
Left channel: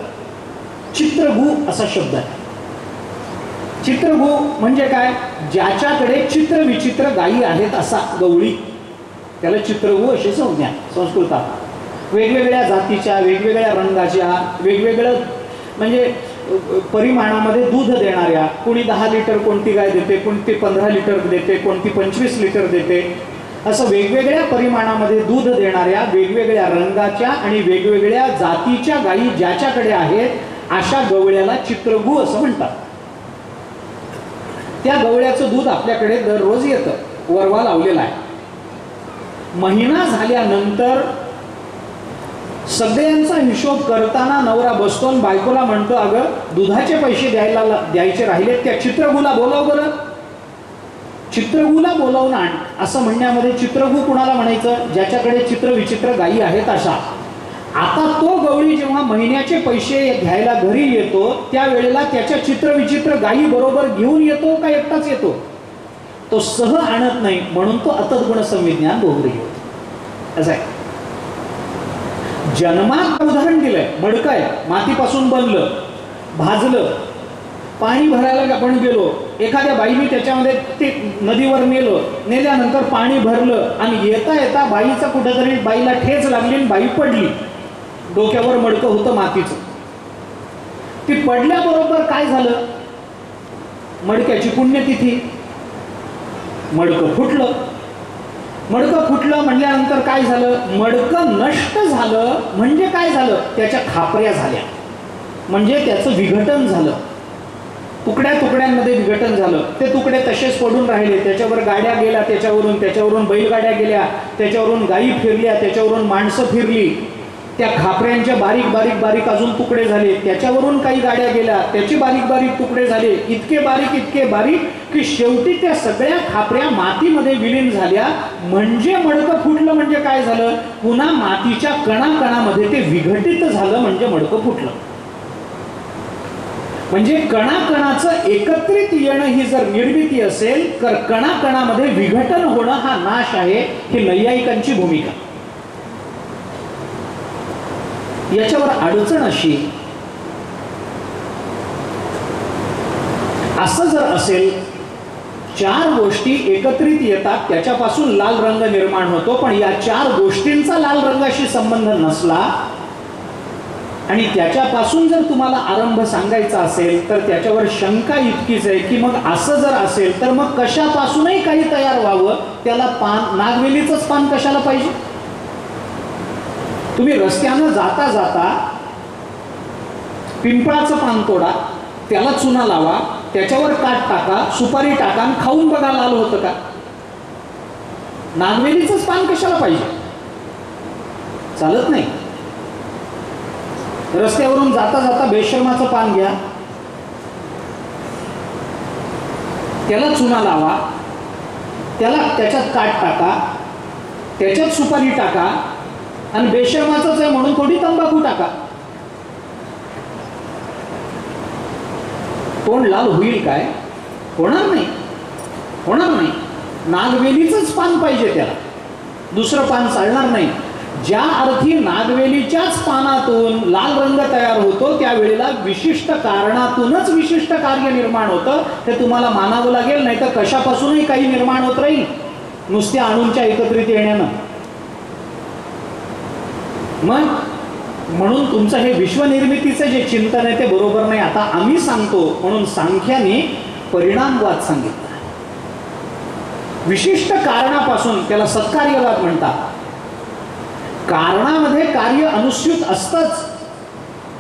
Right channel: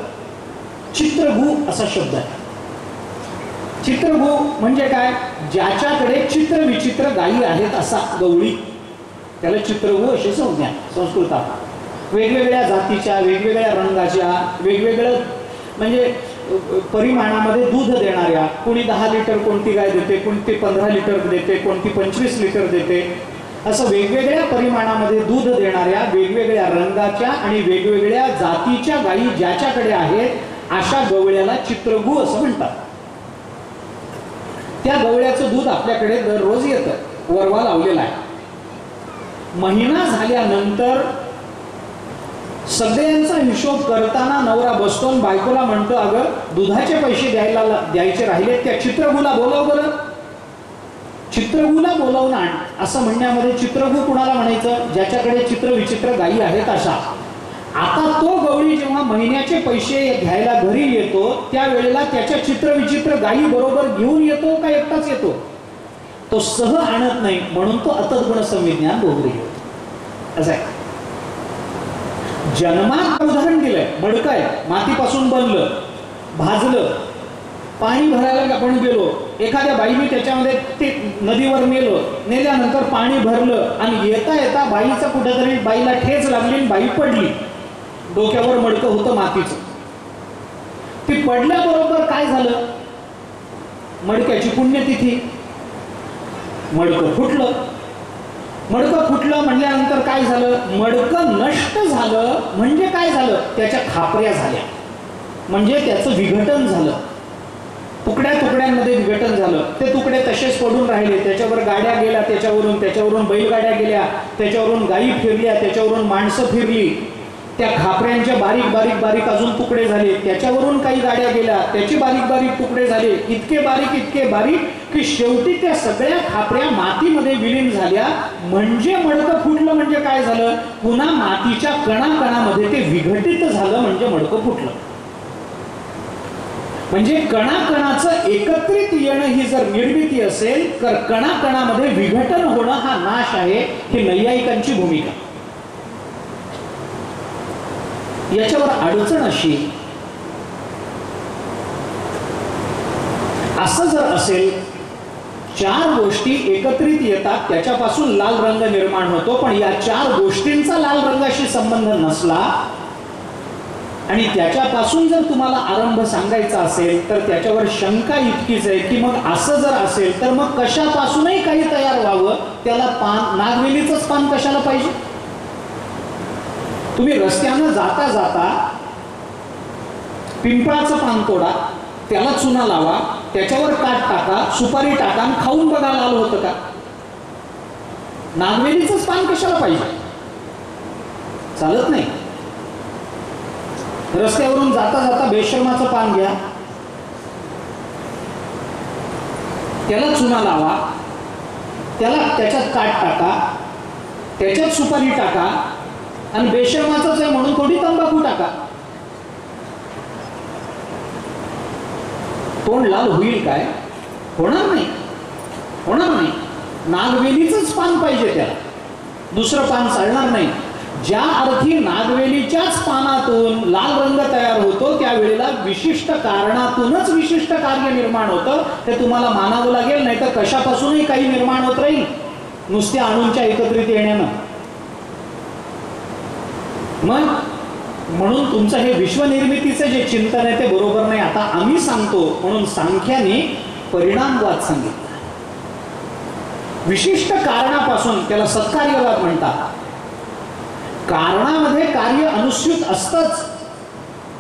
चित्रगु असा शब्द आहे. चित्रगु म्हणजे काय, ज्याच्याकडे चित्र विचित्र गायी आहेत असा गवळी, त्याला चित्रगु अशी संज्ञा संस्कृतात. वेगवेगळ्या जातीच्या, वेगवेगळ्या रंगाच्या, वेगवेगळं म्हणजे परिमाणामध्ये दूध देणाऱ्या, कोणी 10 लिटर कोणती गाय देते, कोणती 15 लिटर देते, कोणती 25 लिटर देते, असं वेगवेगळ्या परिमाणामध्ये दूध देणाऱ्या, वेगवेगळ्या रंगाच्या आणि वेगवेगळ्या जातीच्या गायी ज्याच्याकडे आहेत अशा गवळ्याला चित्रगु असं म्हणतात. त्या गवळ्याचं दूध आपल्याकडे दररोज येतं, वरवा लावलेला आहे. महिना झाल्यानंतर सगळ्यांचा हिशोब करताना नवरा बसतो आणि बायकोला म्हणतो, अगं दुधाचे पैसे द्यायचे राहिले, त्या चित्रगुला बोलव बरं. चित्रगुला बोलवून आण असं म्हणण्यामध्ये चित्रगु कुणाला म्हणायचं, ज्याच्याकडे चित्र विचित्र गायी आहेत अशा. आता तो गवळी जेव्हा महिन्याचे पैसे घ्यायला घरी येतो त्यावेळेला त्याच्या चित्र विचित्र गायी बरोबर घेऊन येतो का एकटाच येतो? तो सह आणत नाही, म्हणून तो अतद्गुण संविज्ञान बहुव्रीही होतो. असं आहे. जन्मात उदाहरण दिलंय, मडकं आहे, मातीपासून बनलं, भाजलं, पाणी भरायला आपण गेलो, एखाद्या बाईने त्याच्यामध्ये ते नदीवर नेल्यानंतर पाणी भरलं आणि येता येता बाईचा कुठेतरी बाईला ठेच लागली आणि बाई पडली. डोक्यावर मडकं होतं मातीचं. ती पडल्याबरोबर काय झालं, मडक्याची पुण्यतिथी, मडकं फुटलं. मडकं फुटलं म्हणल्यानंतर काय झालं, मडकं नष्ट झालं म्हणजे काय झालं, त्याच्या खापऱ्या झाल्या, म्हणजे त्याचं विघटन झालं, तुकड्या तुकड्यांमध्ये विघटन झालं. ते तुकडे तसेच पडून राहिले, त्याच्यावर गाड्या गेल्या, त्याच्यावरून बैलगाड्या गेल्या, त्याच्यावरून गायी फिरल्या, त्याच्यावरून माणसं फिरली, त्या खापऱ्यांच्या बारीक बारीक बारीक अजून तुकडे झाले, त्याच्यावरून काही गाड्या गेल्या, त्याचे बारीक बारीक तुकडे झाले, इतके बारीक की शेवटी त्या सगळ्या खापऱ्या मातीमध्ये विलीन झाल्या. म्हणजे मडकं फुटलं म्हणजे काय झालं, पुन्हा मातीच्या कणाकणामध्ये ते विघटित झालं म्हणजे मडकं फुटलं. म्हणजे कणाकणाचं एकत्रित येणं ही जर निर्मिती असेल तर कणाकणामध्ये विघटन होणं हा नाश आहे. ही नैयायिकांची भूमिका. याच्यावर अडचण अशी, असं जर असेल 4 गोष्टी एकत्रित येतात त्याच्यापासून लाल रंग निर्माण होतो, पण या 4 गोष्टींचा लाल रंगाशी संबंध नसला आणि त्याच्यापासून जर तुम्हाला आरंभ सांगायचा असेल तर त्याच्यावर शंका इतकीच आहे की मग असं जर असेल तर मग कशापासूनही काही तयार व्हावं, त्याला पान, नागवेलीचंच पान कशाला पाहिजे? तुम्ही रस्त्यानं जाता जाता पिंपळाचं पान तोडा, त्याला चुना लावा, त्याच्यावर काट टाका, सुपारी टाका आणि खाऊन बघा लाल होतं का? नागवेलीचंच पान कशाला पाहिजे? चालत नाही. रस्त्यावरून जाता जाता बेशर्माचं पान घ्या, त्याला चुना लावा, त्याच्यात काट टाका, त्याच्यात सुपारी टाका आणि बेशर्माचंच आहे म्हणून थोडी तंबाखू टाका. तोंड लाल होईल काय? होणार नाही, होणार नाही. नागवेलीचंच पान पाहिजे, त्याला दुसरं पान चालणार नाही. ज्या अर्थी नागवेलीच्याच पानातून लाल रंग तयार होतो त्यावेळेला विशिष्ट कारणातूनच विशिष्ट कार्य निर्माण होतं, हे तुम्हाला मानावं लागेल. नाही तर कशापासूनही काही निर्माण होत राहील नुसत्या अणूंच्या एकत्रित येण्यानं. मग म्हणून तुमचं हे विश्वनिर्मितीचं जे चिंतन आहे ते बरोबर नाही. आता आम्ही सांगतो म्हणून सांख्याने परिणामवाद सांगितला. विशिष्ट कारणापासून, त्याला सत्कार्यवाद म्हणतात. कारणामध्ये कार्य अनुस्यूत असतंच,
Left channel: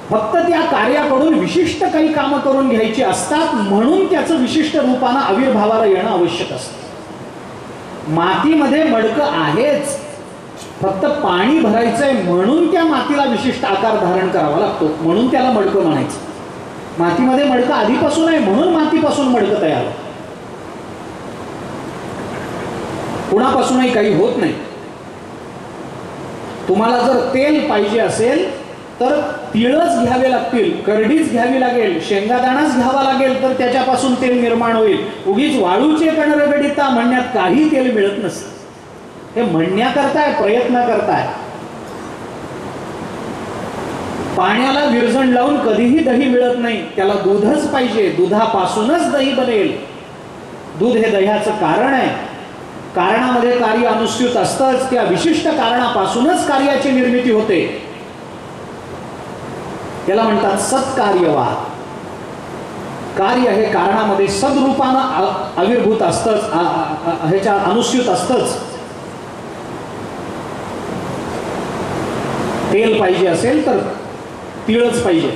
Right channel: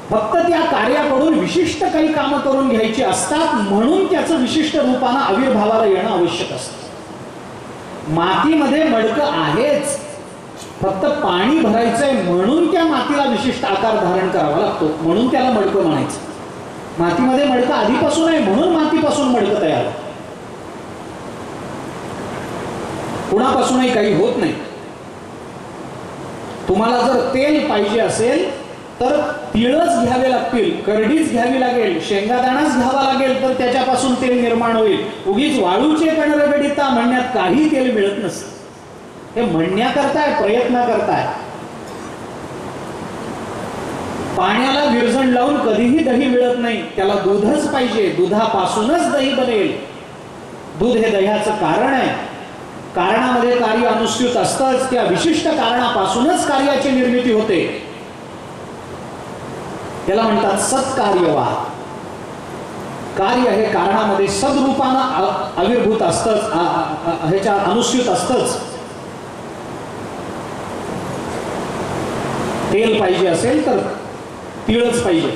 फक्त त्या कार्याकडून विशिष्ट काही कामं करून घ्यायची असतात म्हणून त्याचं विशिष्ट रूपानं आविर्भावाला येणं आवश्यक असतं. मातीमध्ये मडकं आहेच, फक्त पाणी भरायचंय म्हणून त्या मातीला विशिष्ट आकार धारण करावा लागतो, म्हणून त्याला मडकं म्हणायचं. मातीमध्ये मडकं आधीपासून आहे म्हणून मातीपासून मडकं तयार. कुणापासूनही काही होत नाही. तुम्हाला जर तेल पाहिजे असेल तर तिळच घ्यावे लागतील, करडीच घ्यावी लागेल, शेंगादाणाच घ्यावा लागेल तर त्याच्यापासून तेल निर्माण होईल. उगीच वाळूचे कण रगडिता म्हणण्यात काही तेल मिळत नसतं. हे म्हणण्याकरताय, प्रयत्न करताय. पाण्याला विरजण लावून कधीही दही मिळत नाही, त्याला दूधच पाहिजे, दुधापासूनच दही बनेल. दूध हे दह्याचं कारण आहे. कारणामध्ये कार्य अनुस्यूत असतंच, त्या विशिष्ट कारणापासूनच कार्याची निर्मिती होते. त्याला म्हणतात सत्कार्यवाद. कार्य हे कारणामध्ये सद्रूपानं आविर्भूत असतंच, ह्याच्या अनुस्यूत असतंच. तेल पाहिजे असेल तर तिळच पाहिजे.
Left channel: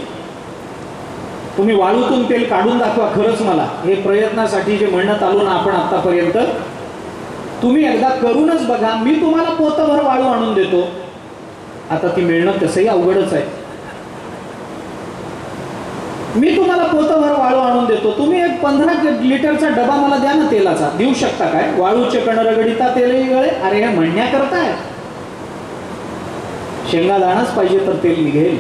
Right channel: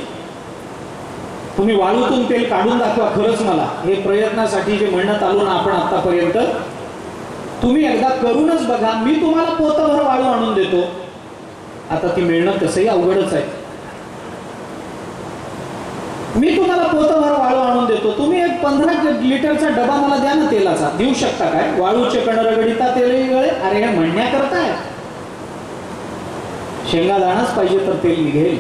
तुम्ही वाळूतून तेल काढून दाखवा खरंच मला. हे प्रयत्नासाठी जे म्हणत आलो ना आपण आतापर्यंत, तुम्ही एकदा करूनच बघा. मी तुम्हाला पोतभर वाळू आणून देतो. आता ती मिळणं तसंही अवघडच आहे. मी तुम्हाला पोतभर वाळू आणून देतो, तुम्ही एक 15 लिटरचा डबा मला द्या ना तेलाचा. देऊ शकता काय? वाळूचे कण रगडिता तेलही गळे. अरे हे म्हणण्याकरताय. शेंगादाणाच पाहिजे तर तेल निघेल.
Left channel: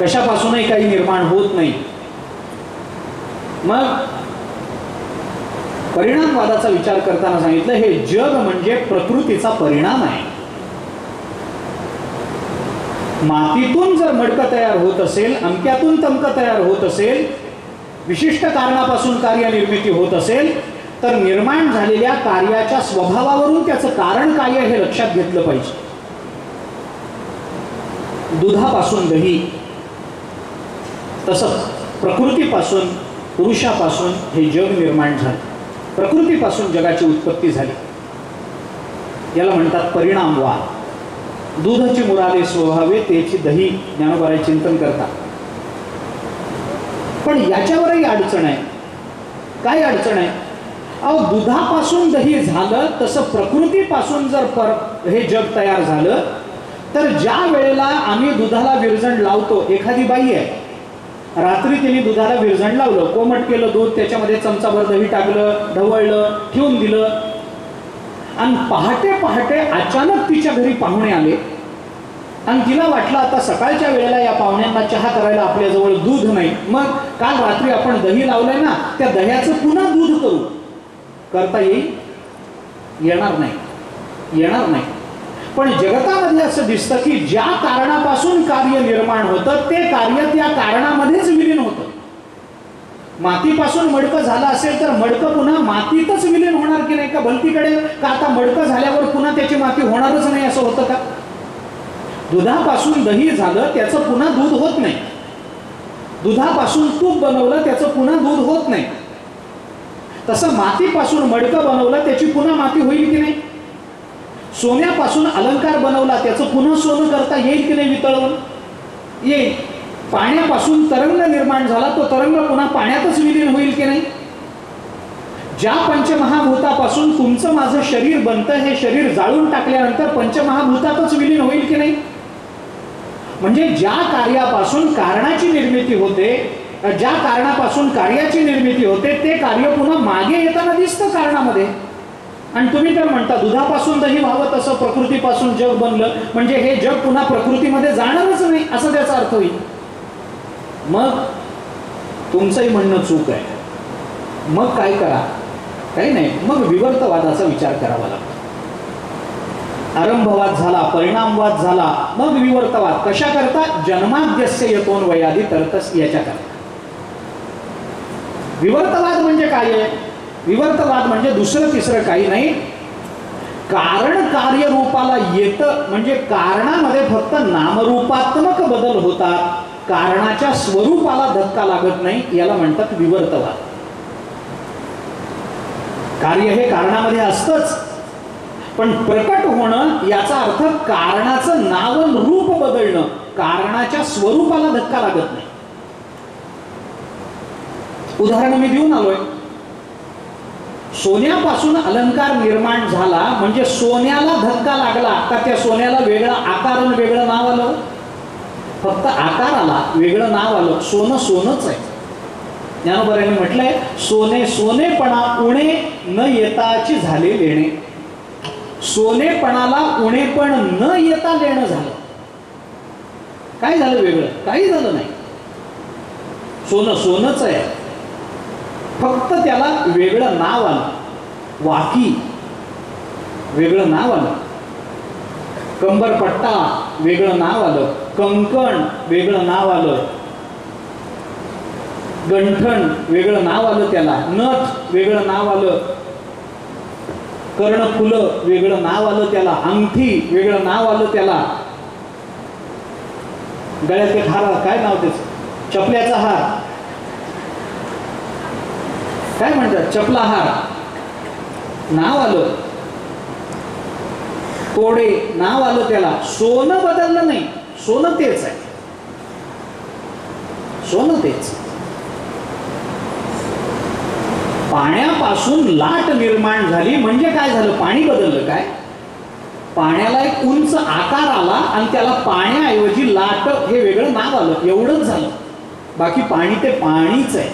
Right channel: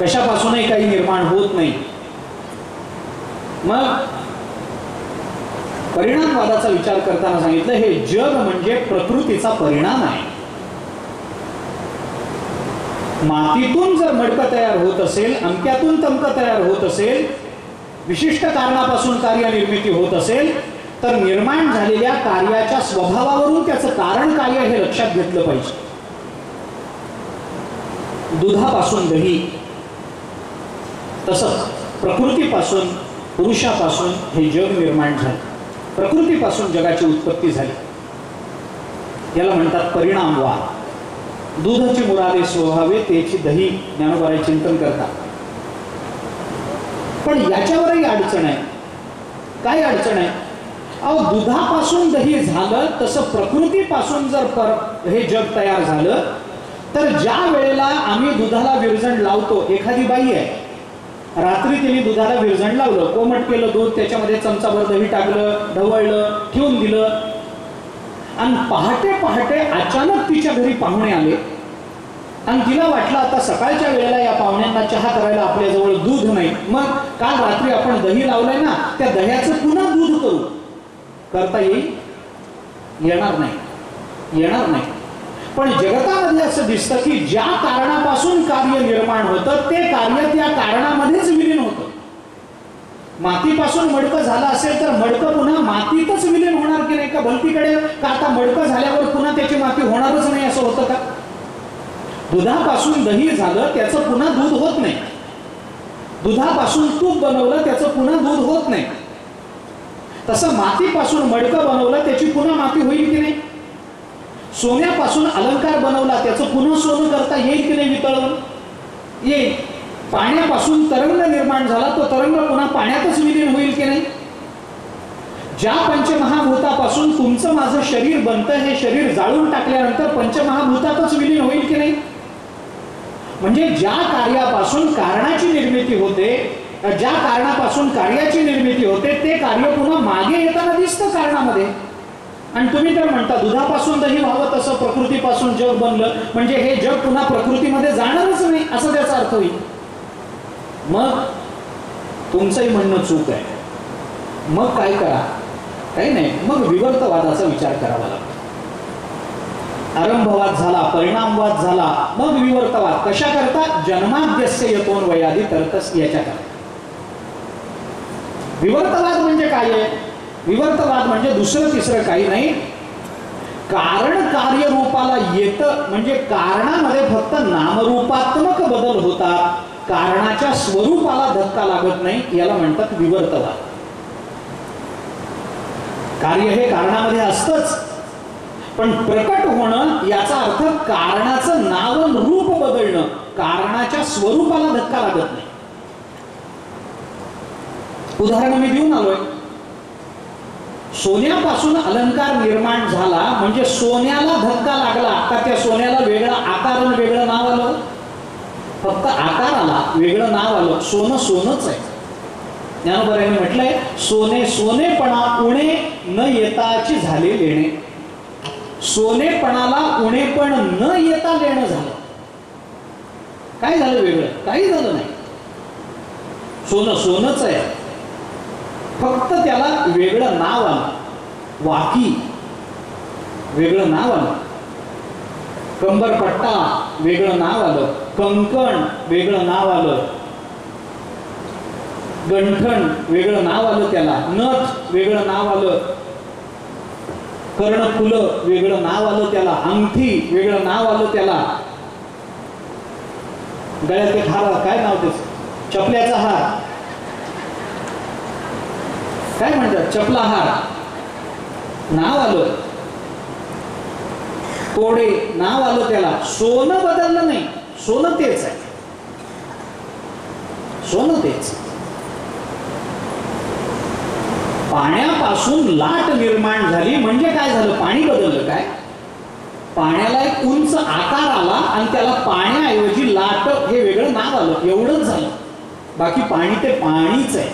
कशापासूनही काही निर्माण होत नाही. मग परिणामवादाचा विचार करताना सांगितलं हे जग म्हणजे प्रकृतीचा परिणाम आहे. मातीतून जर मडकं तयार होत असेल, अमक्यातून तमकं तयार होत असेल, विशिष्ट कारणापासून कार्य निर्मिती होत असेल तर निर्माण झालेल्या कार्याच्या स्वभावावरून त्याचं कारण काय हे लक्षात घेतलं पाहिजे. दुधापासून दही, तसंच प्रकृतीपासून, पुरुषापासून हे जग निर्माण झाले. प्रकृतीपासून जगाची उत्पत्ती झाली. याला म्हणतात परिणामवाद. दूधची मुरादे स्वभावे तेची दही, ज्ञानोबाराय चिंतन करतात. पण याच्यावरही अडचण आहे. काय अडचण आहे? अहो दुधापासून दही झालं तसं प्रकृतीपासून जर हे जग तयार झालं तर ज्या वेळेला आम्ही दुधाला विरजण लावतो, एखादी बाई आहे रात्री तिने दुधाला विरजण लावलं, कोमट केलं दूध, त्याच्यामध्ये चमचाभर दही टाकलं, ढवळलं, ठेवून दिलं आणि पहाटे पहाटे अचानक तिच्या घरी पाहुणे आले आणि तिला वाटलं आता सकाळच्या वेळेला या पाहुण्यांना चहा करायला आपल्याजवळ दूध नाही, मग काल रात्री आपण दही लावलंय ना त्या दह्याचं पुन्हा दूध करू. करता येईल? येणार नाही, येणार नाही. पण जगतामध्ये असं दिसतं की ज्या कारणापासून कार्य निर्माण होतं ते कार्य त्या कारणामध्येच विलीन होतं. मातीपासून मडकं झालं असेल तर मडकं पुन्हा मातीतच विलीन होणार की नाही का? भलतीकडे का आता मडकं झाल्यावर पुन्हा त्याची माती होणारच नाही असं होतं का? दुधापासून दही झालं त्याचं पुन्हा दूध होत नाही. दुधापासून तूप बनवलं त्याचं पुन्हा दूध होत नाही. तसं मातीपासून मडकं बनवलं त्याची पुन्हा माती होईल की नाही? सोन्यापासून अलंकार बनवला त्याचं पुन्हा सोनं करता येईल की नाही? वितळवून येईल. पाण्यापासून तरंग निर्माण झाला तो तरंग पुन्हा पाण्यातच विलीन होईल की नाही? ज्या पंचमहाभूतापासून तुमचं माझं शरीर बनतं हे शरीर जाळून टाकल्यानंतर पंचमहाभूतातच विलीन होईल की नाही? म्हणजे ज्या कार्यापासून कारणाची निर्मिती होते, ज्या कारणापासून कार्याची निर्मिती होते ते कार्य पुन्हा मागे येताना दिसतं कारणामध्ये. आणि तुम्ही तर म्हणता दुधापासून दही व्हावं तसं प्रकृतीपासून जग बनलं, म्हणजे हे जग पुन्हा प्रकृतीमध्ये जाणारच नाही असं त्याचा अर्थ होईल. मग तुमचंही म्हणणं चूक आहे. मग काय करा? काही नाही, मग विवर्तवादाचा विचार करावा लागतो. आरंभवाद झाला, परिणामवाद झाला, मग विवर्तवाद. कशा करता? जन्माद्यस्य यतोन वयादी तरतस याच्या करता. विवर्तवाद म्हणजे काय आहे? विवर्तवाद म्हणजे दुसरं तिसरं काही नाही, कारण कार्य रूपाला येतं म्हणजे कारणामध्ये फक्त नामरूपात्मक बदल होतात, कारणाच्या स्वरूपाला धक्का लागत नाही, याला म्हणतात विवर्तवाद. कार्य हे कारणामध्ये असतंच, पण प्रकट होणं याचा अर्थ कारणाचं नाव रूप बदलणं, कारणाच्या स्वरूपाला धक्का लागत नाही. उदाहरण मी देऊन आलोय. सोन्यापासून अलंकार निर्माण झाला म्हणजे सोन्याला धक्का लागला का त्या सोन्याला वेगळा आकार आणि वेगळं नाव आलं? फक्त आकार आला, वेगळं नाव आलं. सोनं सोनच आहे. ज्ञानोबांनी म्हटलंय सोने सोनेपणा उणे न येताची झाले लेणे. सोनेपणाला उणेपण न येता लेणं झालं. काय झालं वेगळं? काही झालं नाही. सोनं सोनच आहे, फक्त त्याला वेगळं नाव आलं. वाकी वेगळं नाव आलं, कंबरपट्टा वेगळं नाव आलं, कंकण वेगळं नाव आलं, गंठण वेगळं नाव आलं, त्याला नथ वेगळं नाव आलं, कर्णफुलं वेगळं नाव आलं, त्याला अंगठी वेगळं नाव आलं, त्याला गळ्यात एक हार, काय नाव त्याचं? चपल्याचा हार, काय म्हणतात? चपला हार नाव आलं, तोडे नाव आलं त्याला. सोनं बदललं नाही, सोनं तेच आहे, सोनं तेच. पाण्यापासून लाट निर्माण झाली म्हणजे काय झालं? पाणी बदललं. काय? पाण्याला एक उंच आकार आला आणि त्याला पाण्याऐवजी लाट हे वेगळं नाव आलं, एवढंच झालं. बाकी पाणी ते पाणीच आहे,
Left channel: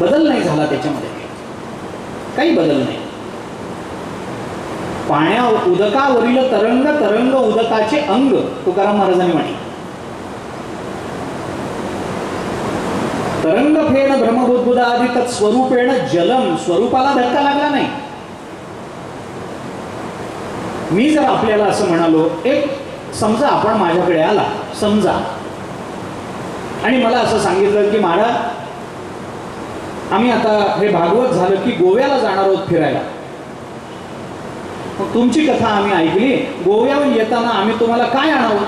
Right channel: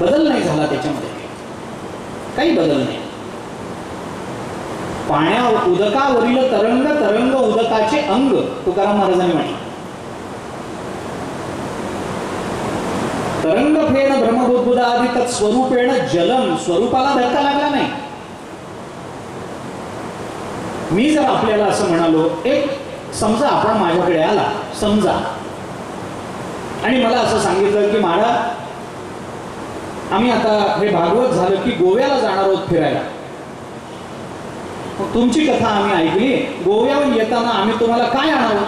बदल नाही झाला त्याच्यामध्ये, काही बदल नाही. पाण्या उदकावरील तरंग तरंग उदकाचे अंग, तुकाराम महाराजांनी म्हटलं. तरंग फेण ब्रह्मबुद्ध आदी तत्स्वरूपेण जलम, स्वरूपाला धक्का लागला नाही. मी जर आपल्याला असं म्हणालो, एक समजा आपण माझ्याकडे आला समजा आणि मला असं सांगितलं की महाराज आम्ही आता हे भागवत झालं की गोव्याला जाणार आहोत फिरायला. तुमची कथा आम्ही ऐकली, गोव्यावर येताना आम्ही तुम्हाला काय आणावं?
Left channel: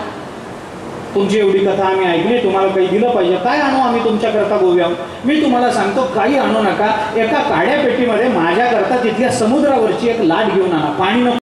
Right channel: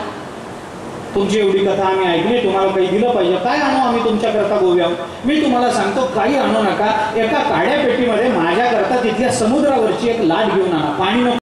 तुमची एवढी कथा आम्ही ऐकली, तुम्हाला काही दिलं पाहिजे, काय आणू आम्ही तुमच्याकरता गोव्यावर? मी तुम्हाला सांगतो काही आणू नका, एका काड्या पेटीमध्ये माझ्याकरता तिथल्या समुद्रावरची एक लाट घेऊन आणा, पाणी नको.